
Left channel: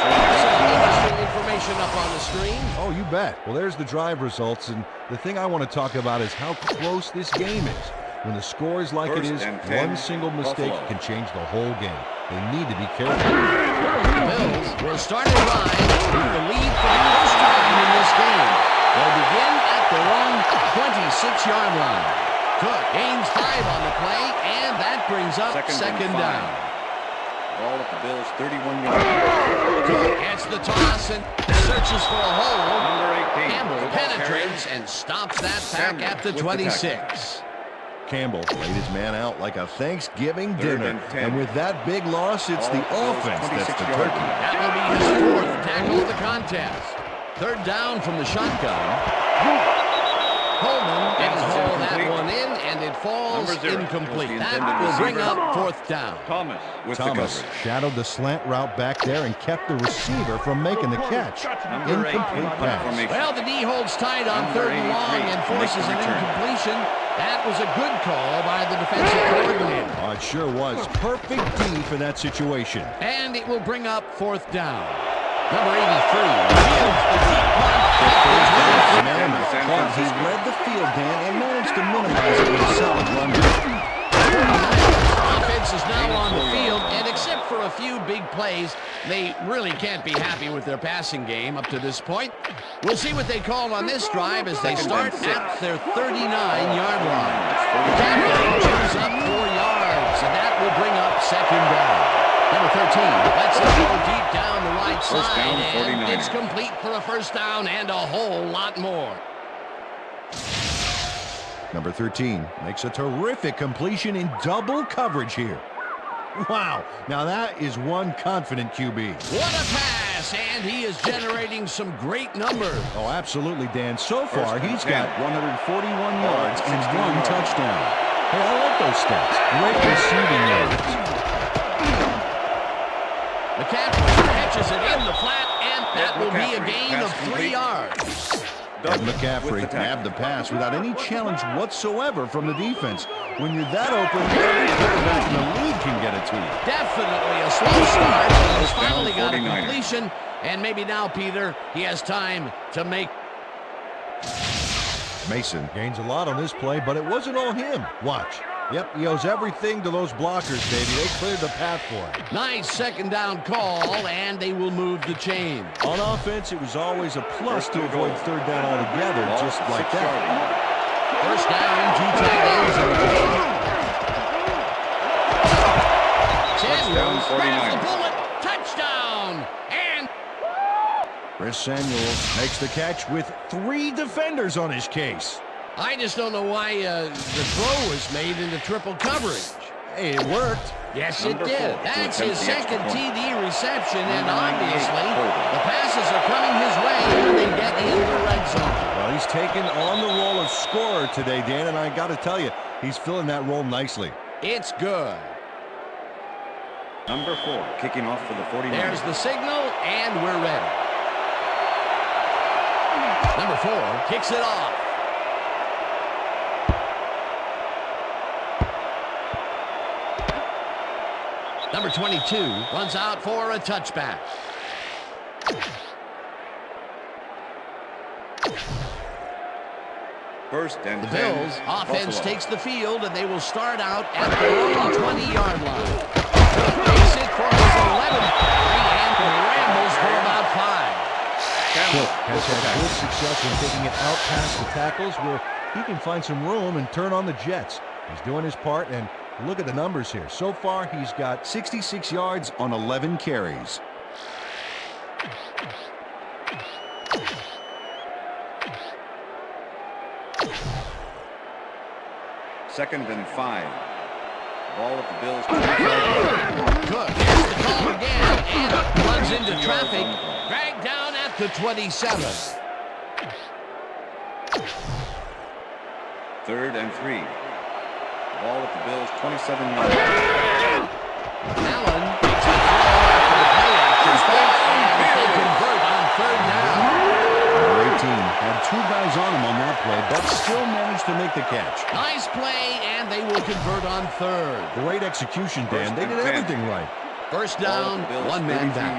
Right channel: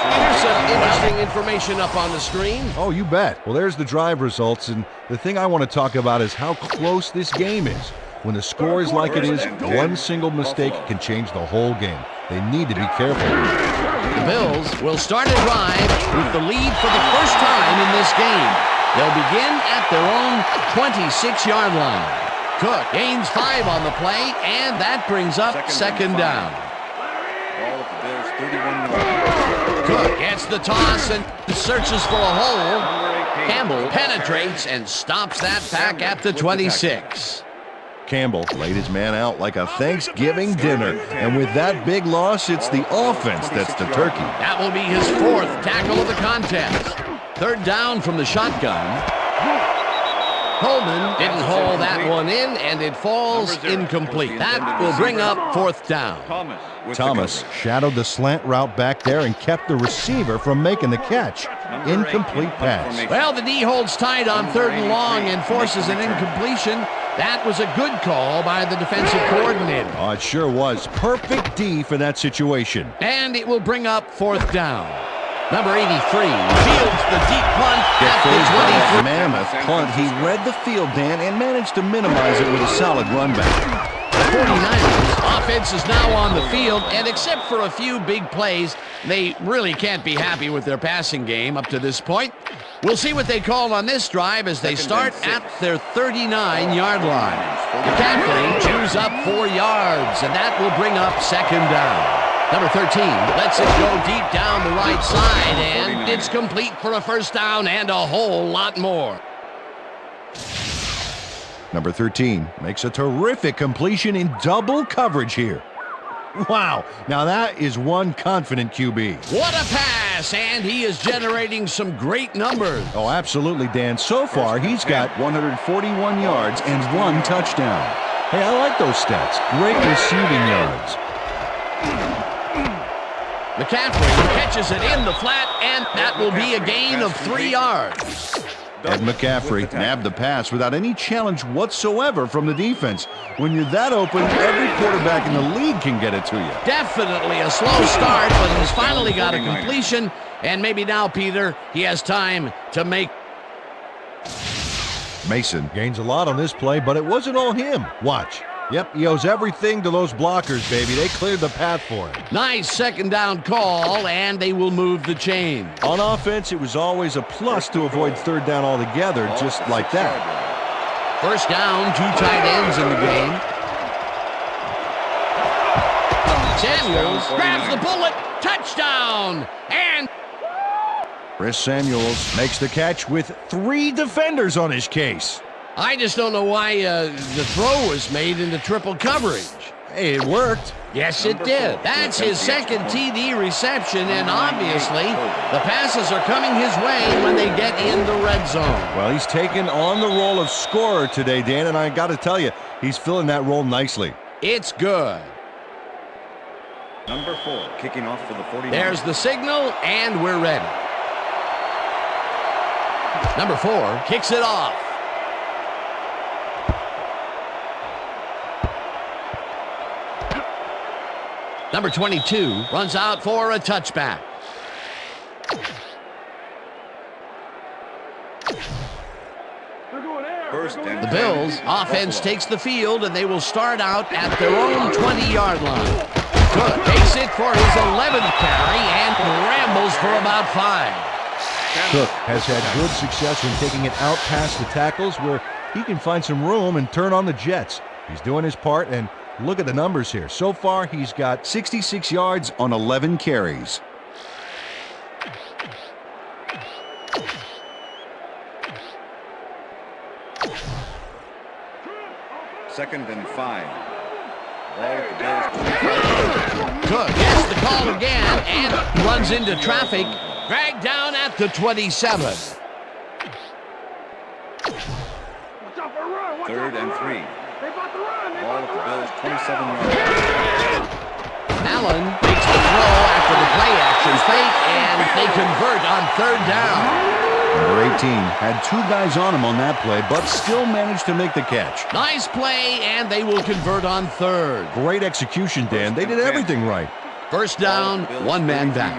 There's some interesting information up on the screen. Oh, you bet. Well, there's the drive results, and the thing I want to talk about is how close this game is. When the score is like it is, one single mistake can change the whole game. They need to be careful. The Bills will start a drive with the lead for the first time in this game. They'll begin at their own 26-yard line. Cook gains 5 on the play, and that brings up second down. Ball at the Bills' 31-yard. Cook gets the toss and searches for a hole. Number 18. Campbell penetrates and stops that back at the 26. Campbell laid his man out like a Thanksgiving dinner. And with that big loss, it's the offense that's the turkey. That will be his 4th tackle of the contest. Third down from the shotgun. Coleman didn't haul that one in, and it falls incomplete. That will bring up 4th down. Thomas shadowed the slant route back there and kept the receiver from making the catch. Incomplete pass. Well, the D holds tight on 3rd and long and forces an incompletion. That was a good call by the defensive coordinator. Oh, it sure was. Perfect D for that situation. And it will bring up 4th down. Number 83 fields the deep punt at the 23. Mammoth punt. He read the field, Dan, and managed to minimize it with a solid run back. 49ers offense is now on the field, and except for a few big plays, they really can't be happy with their passing game up to this point. We'll see what they call on this drive as they start at their 39-yard line. McCaffrey chews up 4 yards, and that will bring up second down. Number 13 lets it go deep down the right side, and it's complete for a first down and a whole lot more. Number 13 makes a terrific completion in double coverage here. Wow, now that is one confident QB. What a pass, and he is generating some great numbers. Oh, absolutely, Dan. So far, he's got 141 yards and 1 touchdown. Hey, I like those stats. Great receiving yards. McCaffrey catches it in the flat, and that will be a gain of 3 yards. Ed McCaffrey nabbed the pass without any challenge whatsoever from the defense. When you're that open, every quarterback in the league can get it to you. Definitely a slow start, but he's finally got a completion, and maybe now, Peter, he has time to make. Mason gains a lot on this play, but it wasn't all him. Watch. Yep, he owes everything to those blockers, baby. They cleared the path for him. Nice second down call, and they will move the chain. On offense, it was always a plus to avoid 3rd down altogether, just like that. First down, 2 tight ends in the game. Samuels grabs the bullet, touchdown, and Chris Samuels makes the catch with 3 defenders on his case. I just don't know why the throw was made into triple coverage. Hey, it worked. Yes, it did. That's his second TD reception, and obviously the passes are coming his way when they get in the red zone. Well, he's taken on the role of scorer today, Dan, and I got to tell you, he's filling that role nicely. It's good. Number 4, kicking off for the 49ers. There's the signal, and we're ready. Number 4 kicks it off. Number 22 runs out for a touchback. First and The 10, Bills offense Buffalo. takes the field, and they will start out at their own 20-yard line. Cook takes it for his 11th carry and rambles for about 5. Cook has had good success in taking it out past the tackles where he can find some room and turn on the jets. He's doing his part, and look at the numbers here. So far, he's got 66 yards on 11 carries. Second and 5. Ball at the Bills' 25-yard. Cook gets the call again and runs into traffic, dragged down at the 27. Third and 3. Ball at the Bills' 27-yard. Allen makes the throw after the play-action fake, and they convert on 3rd down. Number 18 had 2 guys on him on that play, but still managed to make the catch. Nice play, and they will convert on 3rd. Great execution, Dan. They did everything right. First down, 1 man back.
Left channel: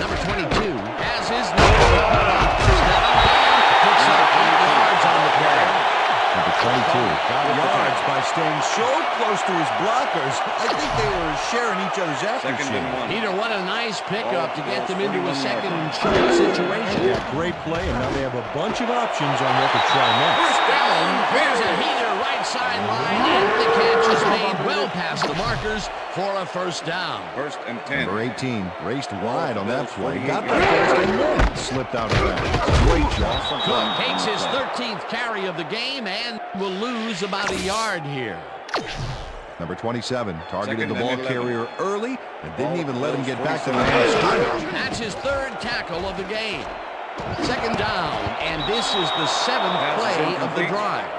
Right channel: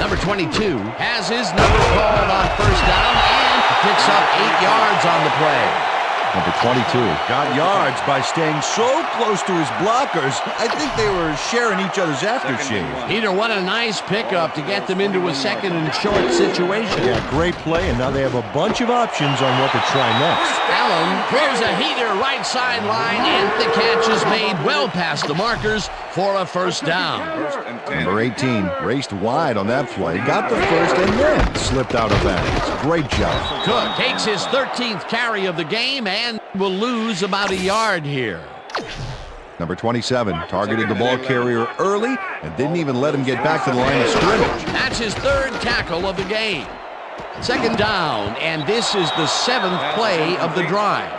Number 22 has his number called on 1st down and picks up 8 yards on the play. Number 22 got yards by staying so close to his blockers. I think they were sharing each other's aftershave. Peter, what a nice pickup to get them into a 2nd and short situation. Yeah, great play, and now they have a bunch of options on what to try next. Allen throws a heater right sideline, and the catch is made well past the markers for a 1st down. First and 10. Number 18 raced wide on that play, got the first, and then slipped out of bounds. Great job. Cook takes his 13th carry of the game and will lose about a yard here. Number 27 targeted the ball carrier early and didn't even let him get back to the line of scrimmage. That's his 3rd tackle of the game. 2nd down, and this is the 7th play of the drive.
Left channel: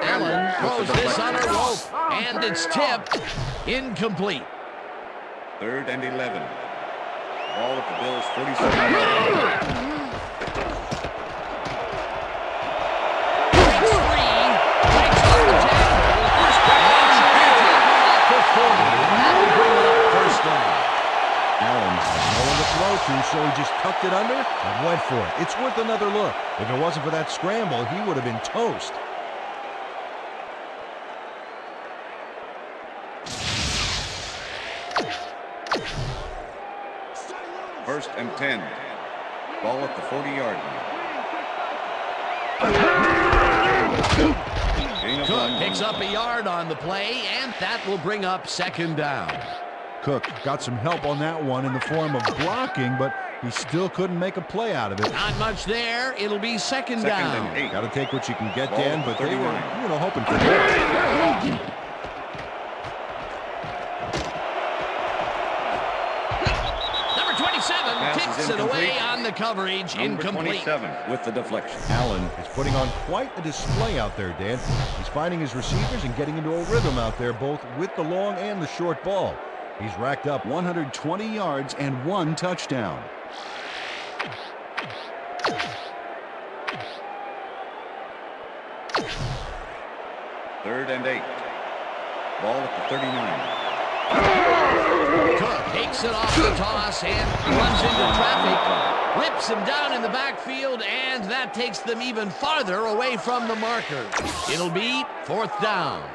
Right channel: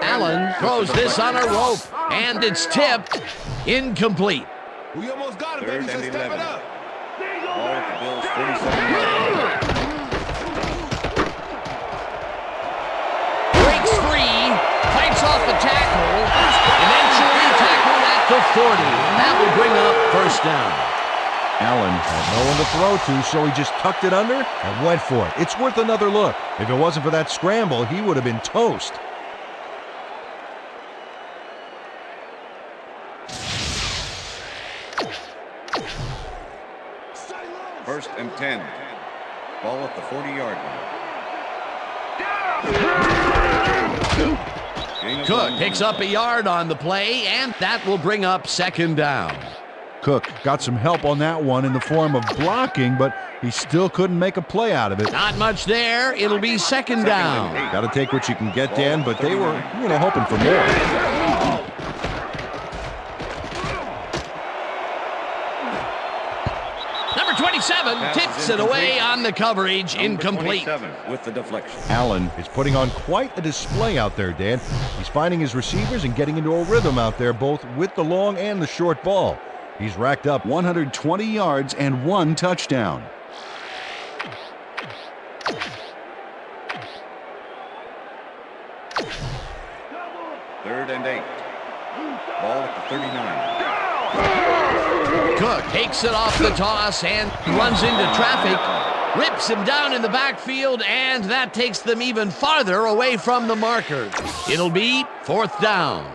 Allen throws this on a rope, and it's tipped. Incomplete. Third and 11. Ball at the Bills' 47-yard. Breaks free, fights off the tackle, eventually tackled at the 40. That will bring up 1st down. Allen had no one to throw to, so he just tucked it under and went for it. It's worth another look. If it wasn't for that scramble, he would have been toast. First and 10. Ball at the 40-yard line. Cook picks up a yard on the play, and that will bring up 2nd down. Cook got some help on that one in the form of blocking, but he still couldn't make a play out of it. Not much there. It'll be 2nd down. Got to take what you can get, Dan, but they were, hoping for more. Number 27 tips it away on the coverage. Incomplete. 27 with the deflection. Allen is putting on quite a display out there, Dan. He's finding his receivers and getting into a rhythm out there, both with the long and the short ball. He's racked up 120 yards and 1 touchdown. Third and 8. Ball at the 39. Cook takes it off the toss and runs into traffic, rips him down in the backfield, and that takes them even farther away from the markers. It'll be 4th down.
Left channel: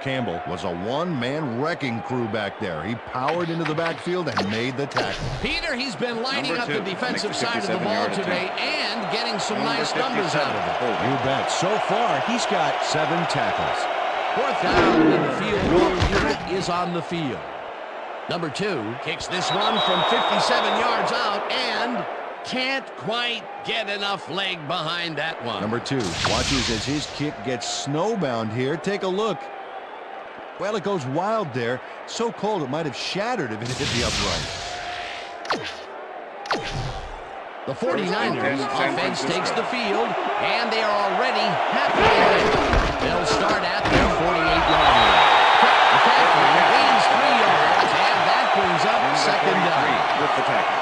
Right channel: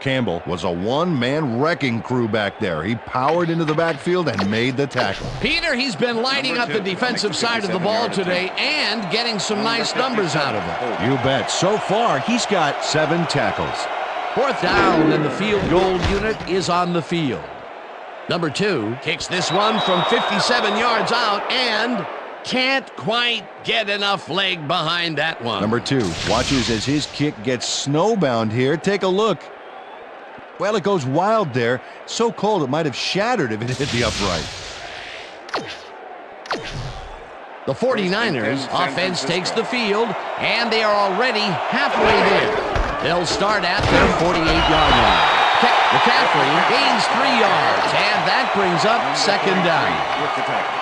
Campbell was a one-man wrecking crew back there. He powered into the backfield and made the tackle. Peter, he's been lighting up the defensive side of the ball today and getting some nice numbers out of it. You bet. So far, he's got 7 tackles. 4th down, and the field goal unit is on the field. Number 2 kicks this one from 57 yards out and can't quite get enough leg behind that one. Number 2 watches as his kick gets snowbound here. Take a look. Well, it goes wild there. So cold it might have shattered if it hit the upright. The 49ers offense takes the field, and they are already halfway there. They'll start at their 48-yard line. McCaffrey gains 3 yards, and that brings up 2nd down. With the tackle.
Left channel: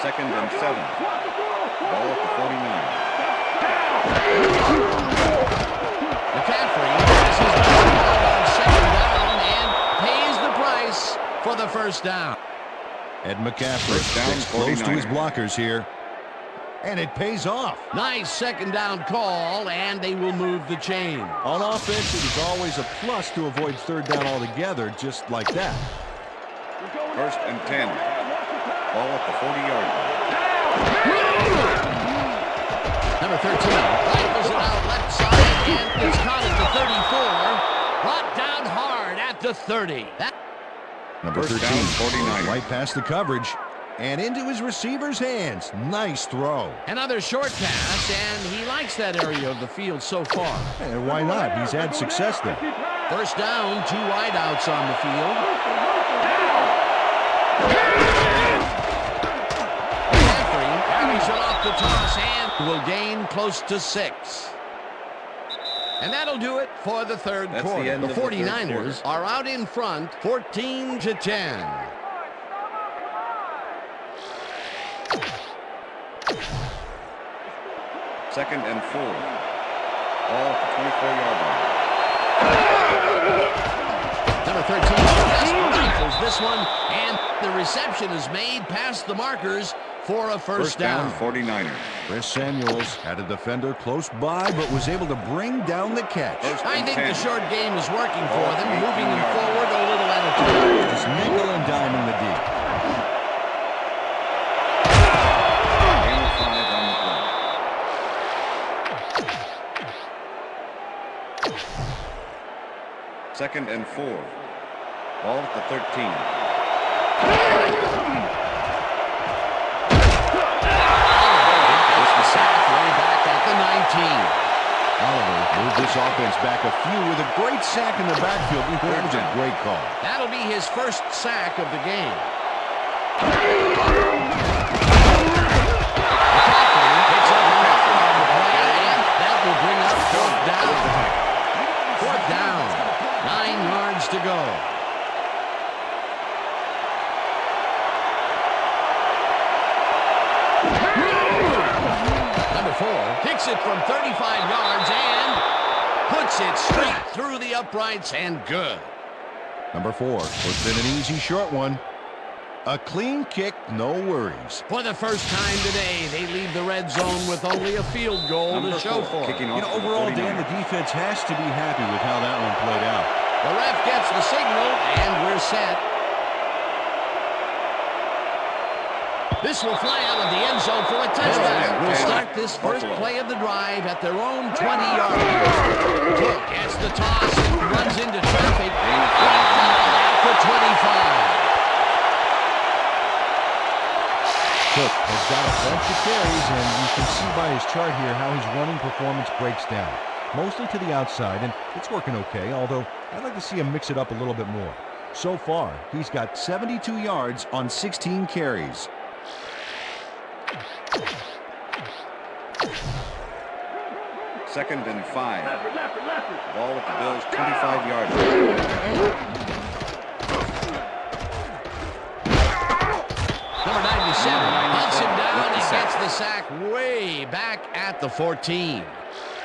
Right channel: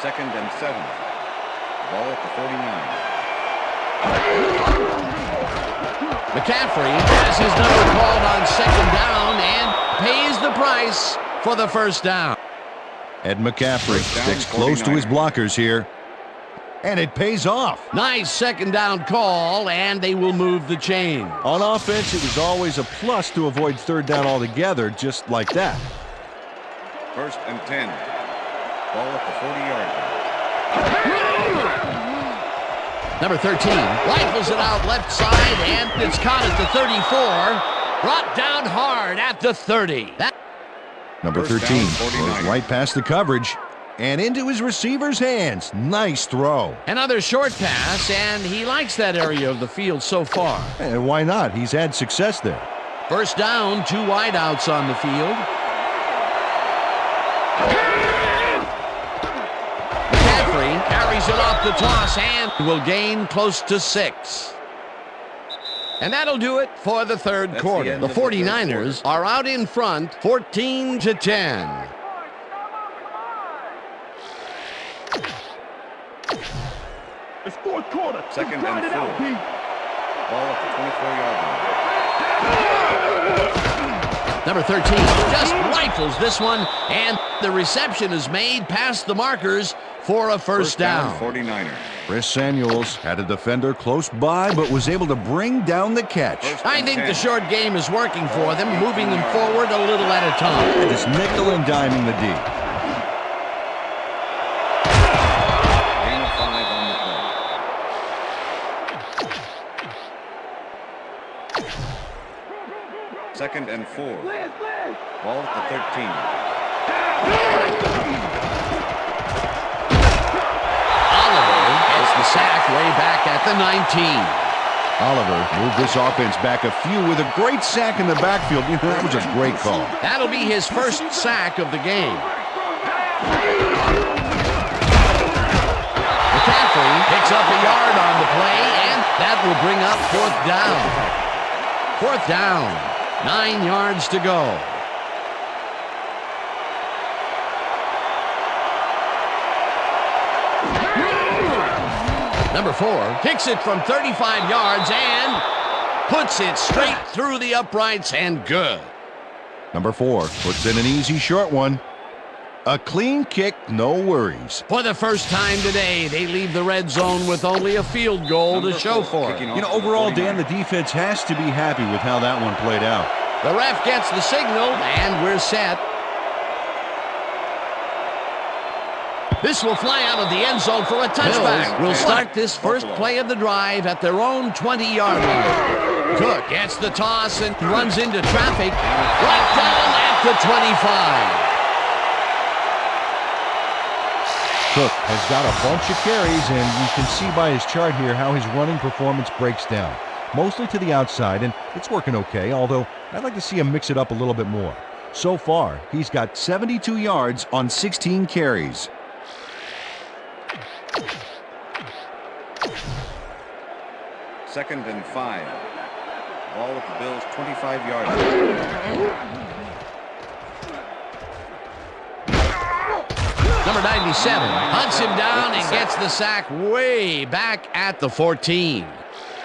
2nd and 7. Ball at the 49. McCaffrey has his number called on 2nd down and pays the price for the 1st down. Ed McCaffrey First down, sticks close to his 49ers. blockers here. And it pays off. Nice second down call, and they will move the chain. On offense, it was always a plus to avoid third down altogether, just like that. First and 10. Ball at the 40-yard line. Number 13 rifles it out left side, and it's caught at the 34. Brought down hard at the 30. Number First 13 down, goes 49ers. right past the coverage and into his receiver's hands. Nice throw. Another short pass, and he likes that area of the field so far. And why not? He's had success there. First down, 2 wideouts on the field. McCaffrey carries it off the toss and will gain close to 6. And that'll do it for the third That's the quarter. end The of the third 49ers are out in front, 14-10. It's fourth quarter. Second and 4. Ball at the 24-yard line. Number 13 just rifles this one, and the reception is made past the markers for a first down. 49ers. Chris Samuels had a defender close by, but was able to bring down the catch. First I and think 10. the short game is working for them, moving them forward a little at a time. Just nickel and diming the D. Gain of 5 on the play. Second and 4. Ball at the 13. Oliver gets the sack way back at the 19. Oliver moved this offense back a few with a great sack in the backfield. That was a great call. That'll be his first sack of the game. McCaffrey picks up a yard on the play, and that will bring up fourth down. Fourth down, 9 yards to go. Number 4 kicks it from 35 yards and puts it straight through the uprights and good. Number 4 puts in an easy short one. A clean kick, no worries. For the first time today, they leave the red zone with only a field goal Number to show 4, for it. kicking You off know, for the overall, Dan, 49ers. the defense has to be happy with how that one played out. The ref gets the signal, and we're set. This will fly out of the end zone for a touchback. Bills Will start this first Buffalo. play of the drive at their own 20-yard line. Cook gets the toss and runs into traffic right down at the 25. Cook has got a bunch of carries, and you can see by his chart here how his running performance breaks down. Mostly to the outside, and it's working okay, although I'd like to see him mix it up a little bit more. So far, he's got 72 yards on 16 carries. Second and 5. Ball at the Bills' 25-yard line. Number 97 hunts him down and gets the sack way back at the 14.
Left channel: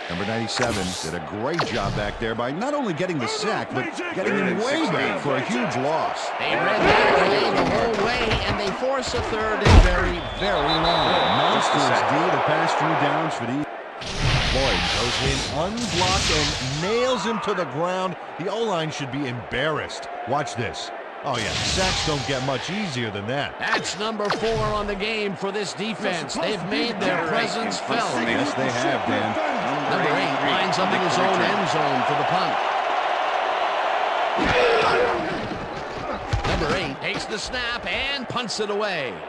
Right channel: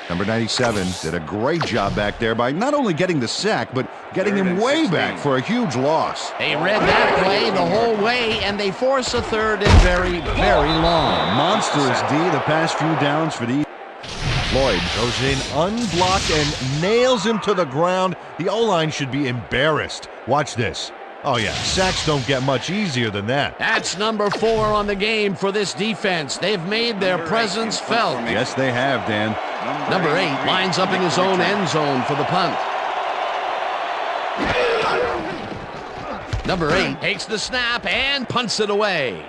Number 97 did a great job back there by not only getting the sack, but getting Third him and way 16. back for a huge loss. They read that play the whole way, and they force a third and very, very long. Monstrous D the past few downs for the Floyd goes in unblocked and nails him to the ground. The O-line should be embarrassed. Watch this. Oh yeah, sacks don't get much easier than that. That's number 4 on the game for this defense. They've made their presence felt. Yes, they have, Dan. Number 8 lines up in his own end zone for the punt. Number 8 takes the snap and punts it away.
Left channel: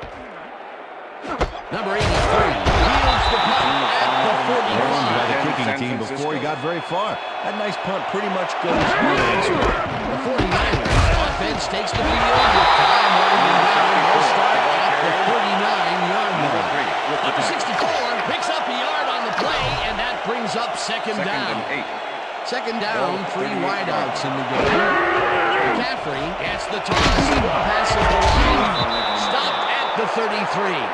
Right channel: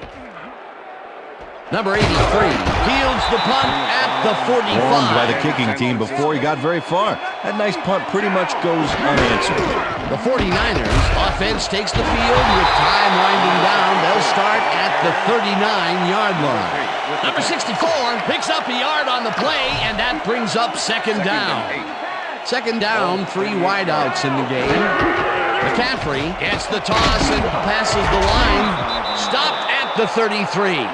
Number 83 fields the punt at the 45. Warned by the kicking team before he got very far. That nice punt pretty much goes unanswered. The 49ers offense takes the field with time winding down. They'll start at the 39-yard line. Number 64 picks up a yard on the play, and that brings up second down. Second down, 3 wideouts in the game. McCaffrey gets the toss and passes the line. Stopped at the 33.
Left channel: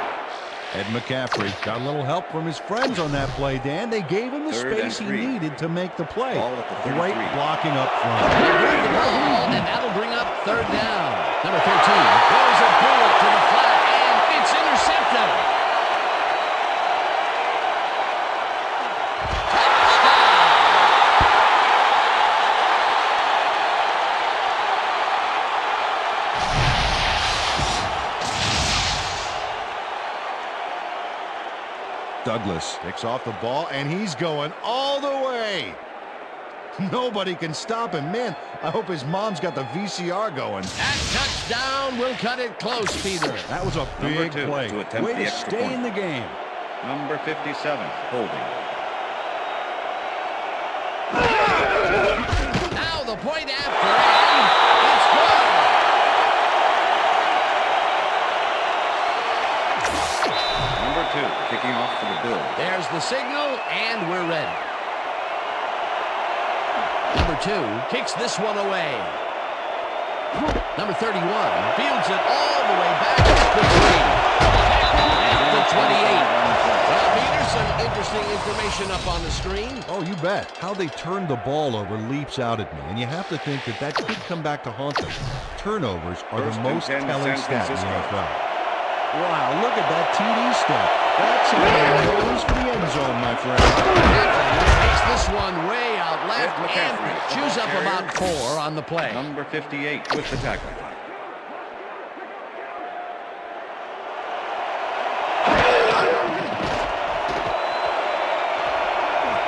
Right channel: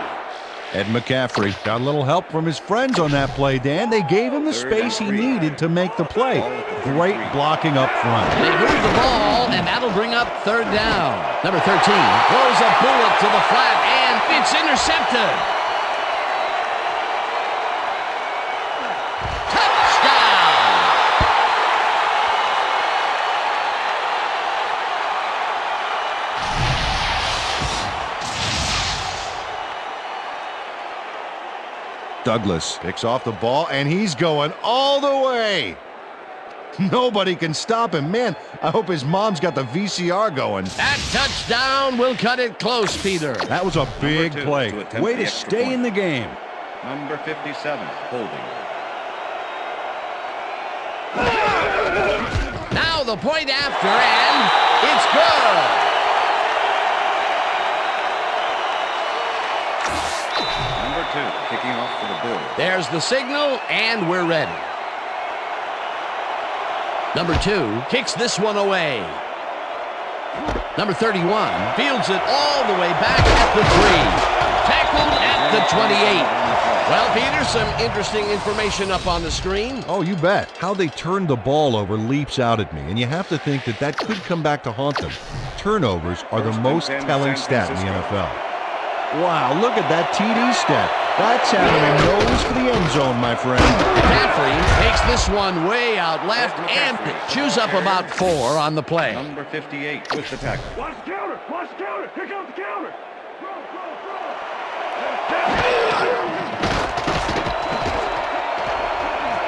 Ed McCaffrey got a little help from his friends on that play, Dan. They gave him the space he needed to make the play. Great blocking up front. They move the ball, and that'll bring up third down. Number 13 throws a bullet to the flat, and it's intercepted. Touchdown! Douglas picks off the ball, and he's going all the way. Nobody can stop him. Man, I hope his mom's got the VCR going. That touchdown will cut it close, Peter. That was a big play. Way to stay in the game. Number 57, holding. Now the point after, and it's good. Number 2, kicking off for the Bills. There's the signal, and we're ready. Number 2 kicks this one away. Number 31 fields it all the way back at the 3. Tackled at the 28. Well, Peter, some interesting information up on the screen. Oh, you bet. How they turned the ball over leaps out at me, and you have to think that that could come back to haunt them. Turnovers are the most telling stat in the NFL. Wow, look at that TD stat. That's having a nose for the end zone, my friend. McCaffrey takes this one way out left and chews up about 4 on the play. Number 58 with the tackle. Watch the counter! Watch the counter! Here comes the counter!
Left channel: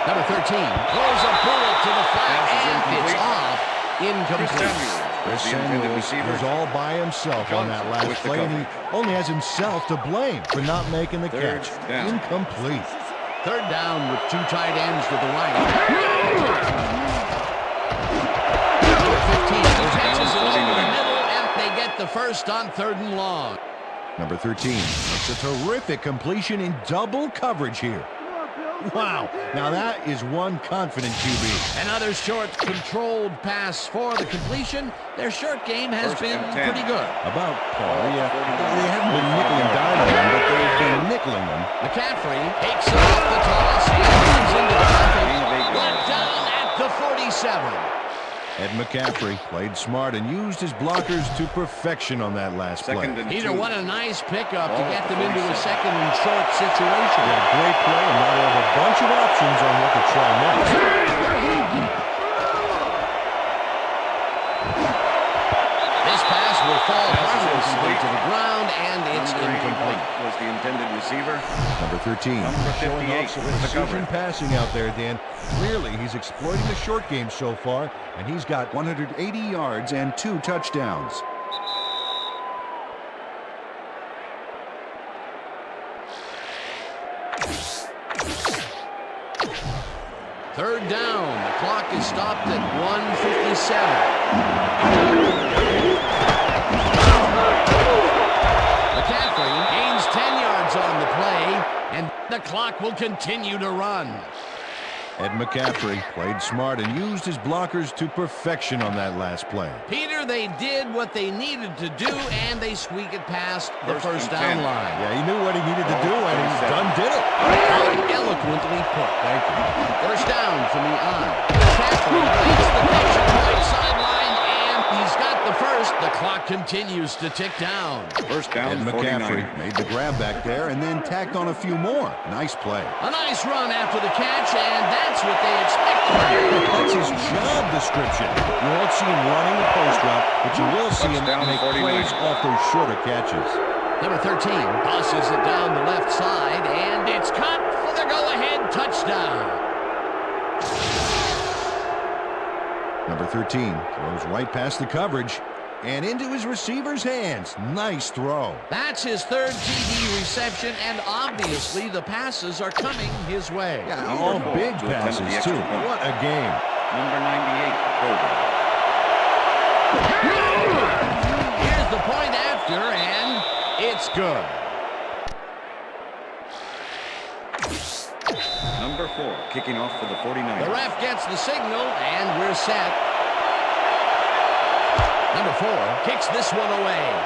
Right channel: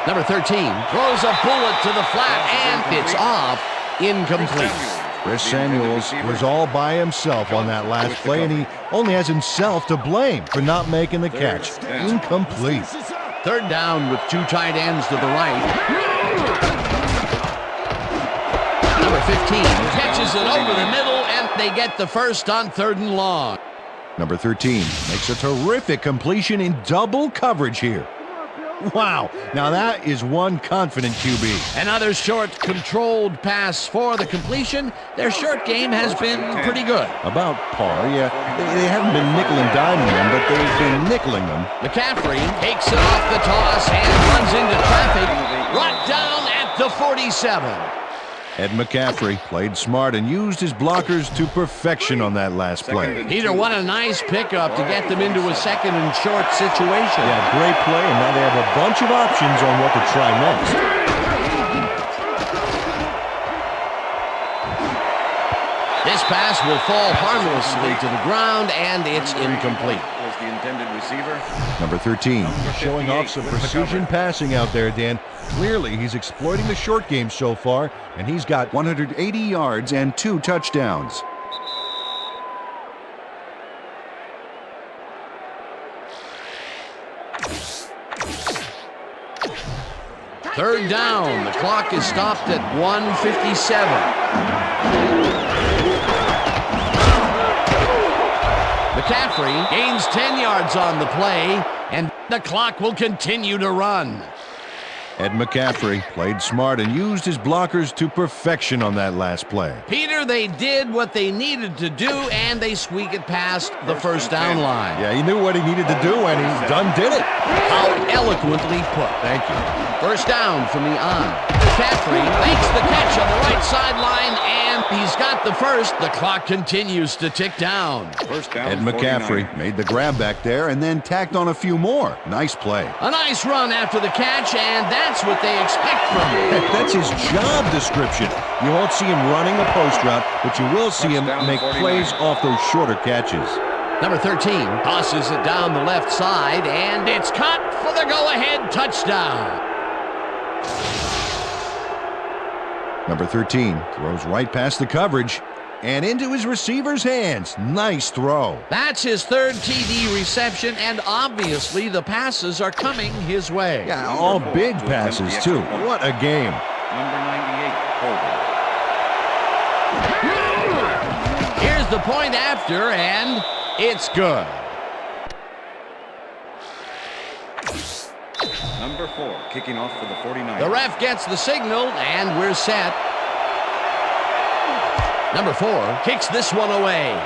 Number 13 throws a bullet to the flat, and it's off. Incomplete. Chris Samuels was all by himself on that last play, and he only has himself to blame for not making the catch. Incomplete. Third down with 2 tight ends to the right. Number 15 catches it over the middle, and they get the first on 3rd and long. Number 13 makes a terrific completion in double coverage here. Wow, now that is one confident QB. Another short, controlled pass for the completion. Their short game has been pretty good. About par, yeah. They haven't been nickel and diming them, but they've been nickeling them. McCaffrey takes it off the toss and runs into traffic. Brought down at the 47. Ed McCaffrey played smart and used his blockers to perfection on that last play. Peter, what a nice pickup to get them into a 2nd and short situation. Yeah, great play, and now they have a bunch of options on what to try next. This pass will fall harmlessly to the ground, and it's incomplete. Was the intended receiver. Number 13, showing off some precision passing out there, Dan. Clearly, he's exploiting the short game so far, and he's got 180 yards and 2 touchdowns. Third down. The clock is stopped at 1:57. McCaffrey gains 10 yards on the play, and the clock will continue to run. Ed McCaffrey played smart and used his blockers to perfection on that last play. Peter, they did what they needed to do, and they squeak it past the first down line. Yeah, he knew what he needed to do, and he did it. How eloquently put. Thank you. First down from the on. McCaffrey makes the catch on the right sideline, and he's got the first. The clock continues to tick down. First down, Ed McCaffrey made the grab back there and then tacked on a few more. Nice play. A nice run after the catch, and that's what they expect from him. That's his job description. You won't see him running the post route, but you will see him make plays off those shorter catches. Number 13 tosses it down the left side, and it's caught for the go-ahead touchdown. Number 13 throws right past the coverage and into his receiver's hands. Nice throw. That's his 3rd TD reception, and obviously the passes are coming his way. Yeah, all big passes, too. What a game. Number 98, holding. Here's the point after, and it's good. Number 4, kicking off for the 49ers. The ref gets the signal, and we're set. Number 4 kicks this one away.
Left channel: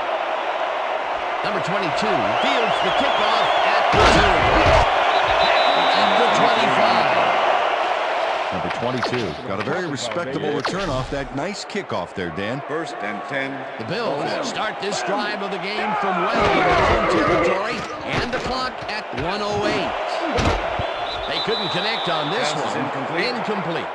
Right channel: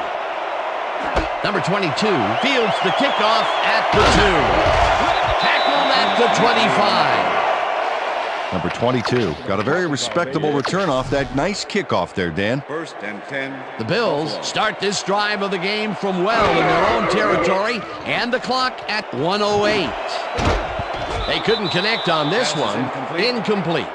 Number 22 fields the kickoff at the 2. Tackled at the 25. Number 22 got a very respectable return off that nice kickoff there, Dan. 1st and 10. The Bills start this drive of the game from well in their own territory, and the clock at 1:08. They couldn't connect on this Pass is one. Incomplete.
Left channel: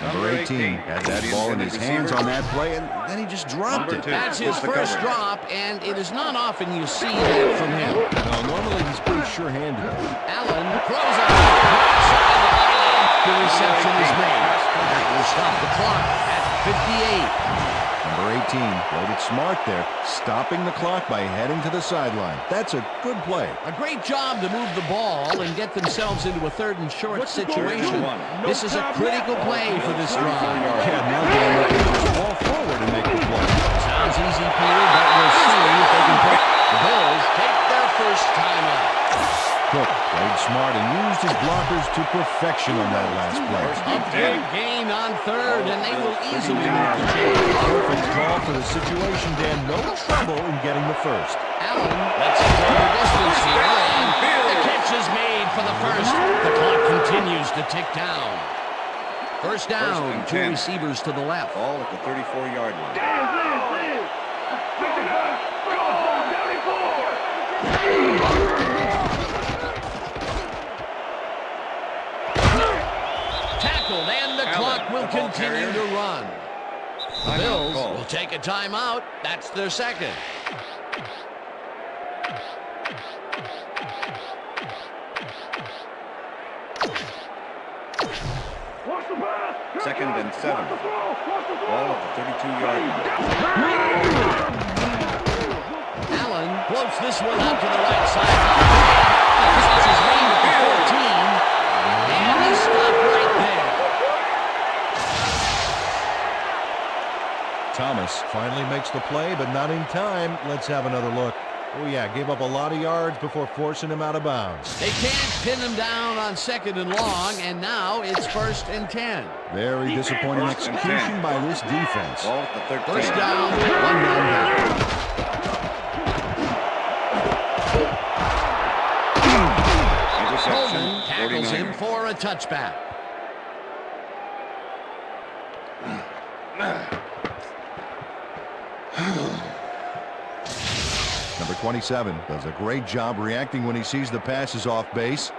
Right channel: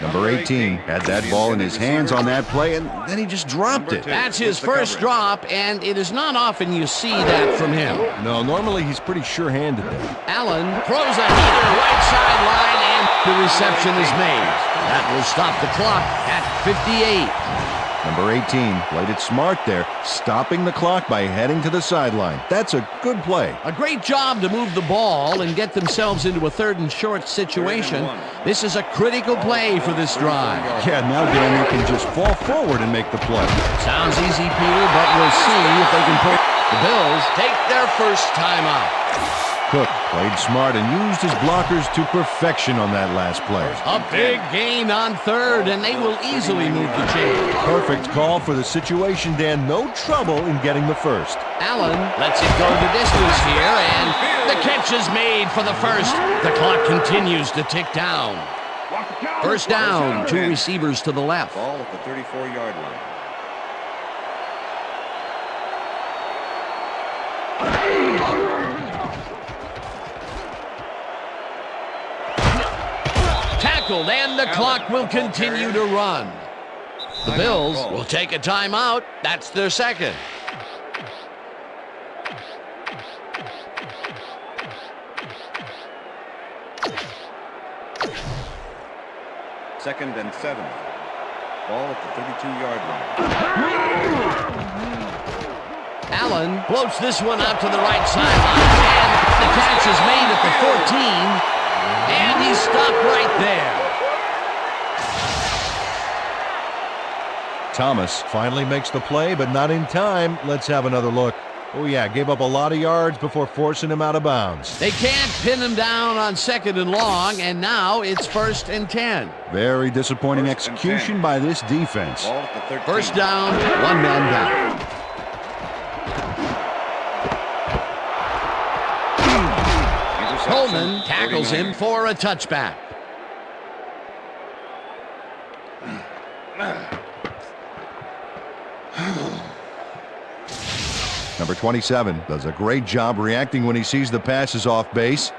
Number 18 had that ball in his hands on that play, and then he just dropped it. That's his first drop, and it is not often you see that from him. No, normally he's pretty sure-handed there. Allen throws a heater right sideline, and the reception is made. That will stop the clock at 58. Number 18 played it smart there, stopping the clock by heading to the sideline. That's a good play. A great job to move the ball and get themselves into a 3rd and short situation. This is a critical play for this drive. Yeah, now Dan, they can just fall forward and make the play. Sounds easy, Peter, but we'll see if they can pull. The Bills take their first timeout. Cook played smart and used his blockers to perfection on that last play. A big gain on 3rd, and they will easily move the chain. Perfect call for the situation, Dan. No trouble in getting the first. Allen lets it go the distance here, and the catch is made for the first. The clock continues to tick down. First down, 2 receivers to the left. Ball at the 34-yard line. Tackled, and the clock will continue to run. The Bills will take a timeout. That's their second. Second and 7. Ball at the 32-yard line. Allen floats this one out to the right sideline, and the catch is made at the 14. And he stopped right there. Thomas finally makes the play, but not in time. Let's have another look. Oh, yeah, gave up a lot of yards before forcing him out of bounds. They can't pin him down on 2nd and long, and now it's 1st and 10. Very disappointing execution by this defense. Ball at the 13. First down, 1 man down. Coleman tackles him for a touchback. Number 27 does a great job reacting when he sees the passes off base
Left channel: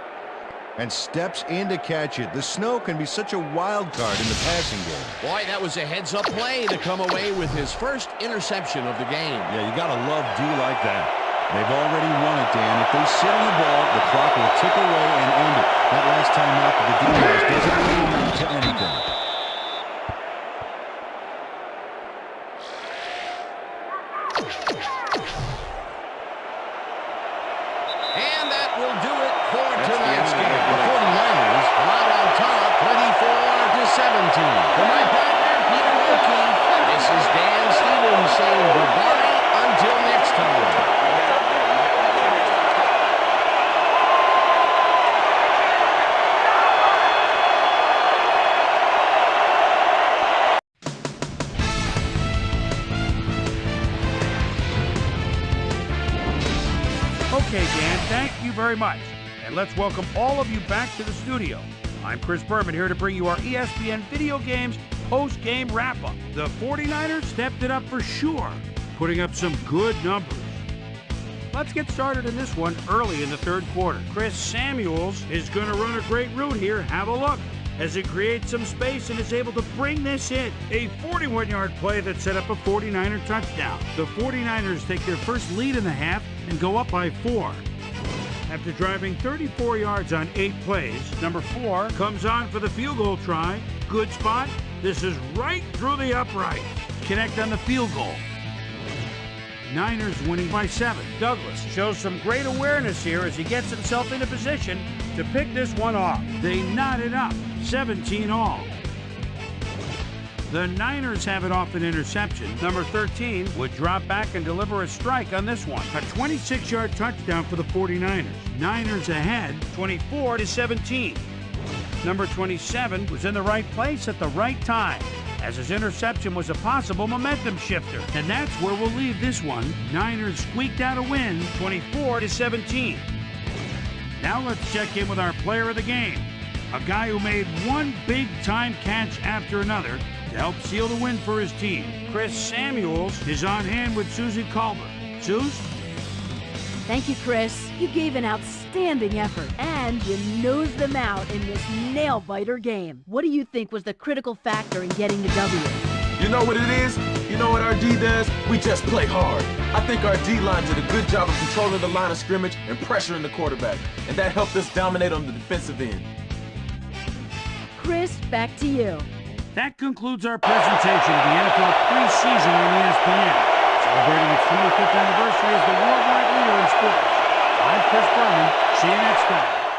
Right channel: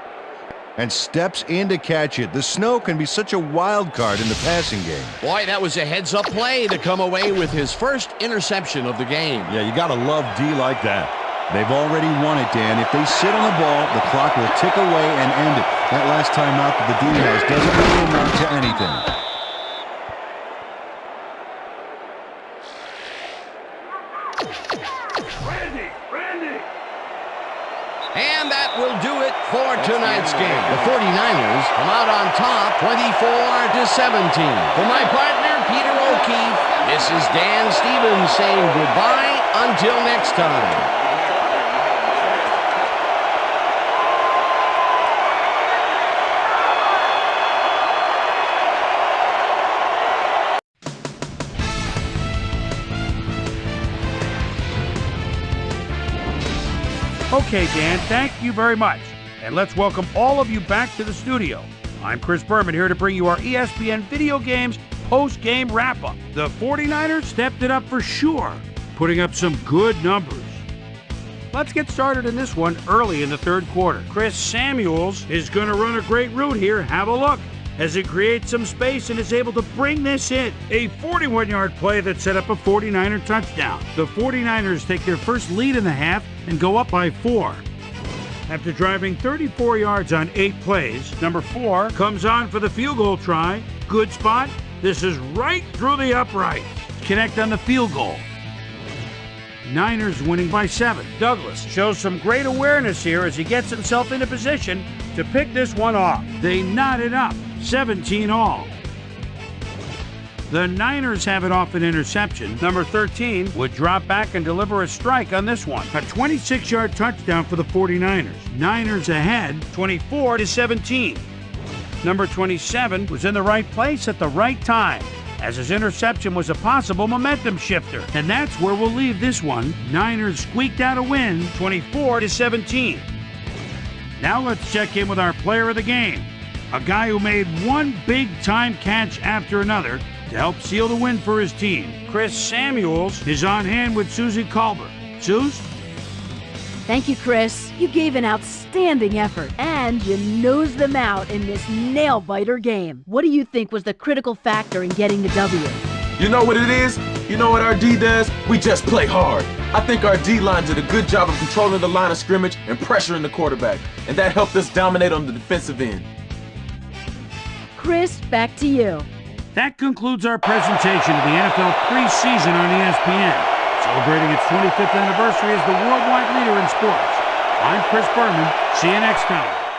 and steps in to catch it. The snow can be such a wild card in the passing game. Boy, that was a heads-up play to come away with his first interception of the game. Yeah, you got to love D like that. They've already won it, Dan. If they sit on the ball, the clock will tick away and end it. That last time out that the D has doesn't really amount to anything. And that will do it for tonight's game. The 49ers come out on top 24-17. For my partner, Peter O'Keefe, this is Dan Stevens saying goodbye until next time. Okay, Dan, thank you very much. And let's welcome all of you back to the studio. I'm Chris Berman here to bring you our ESPN Video Games post-game wrap-up. The 49ers stepped it up for sure, putting up some good numbers. Let's get started in this one early in the 3rd quarter. Chris Samuels is going to run a great route here. Have a look as he creates some space and is able to bring this in. A 41-yard play that set up a 49er touchdown. The 49ers take their first lead in the half and go up by 4. After driving 34 yards on 8 plays, number 4 comes on for the field goal try. Good spot. This is right through the upright. Connect on the field goal. Niners winning by 7. Douglas shows some great awareness here as he gets himself in a position to pick this one off. They knot it up, 17 all. The Niners have it off an interception. Number 13 would drop back and deliver a strike on this one. A 26-yard touchdown for the 49ers. Niners ahead, 24-17. Number 27 was in the right place at the right time. as his interception was a possible momentum shifter. And that's where we'll leave this one. Niners squeaked out a win, 24-17. Now let's check in with our player of the game, a guy who made one big-time catch after another to help seal the win for his team. Chris Samuels is on hand with Susie Culber. Suze? Thank you, Chris. You gave an outstanding effort, and you nosed them out in this nail-biter game. What do you think was the critical factor in getting the W? You know what it is? You know what our D does? We just play hard. I think our D-line did a good job of controlling the line of scrimmage and pressuring the quarterback, and that helped us dominate on the defensive end. Chris, back to you. That concludes our presentation of the NFL preseason on ESPN. Celebrating its 25th anniversary as the worldwide leader in sports. I'm Chris Berman. See you next time.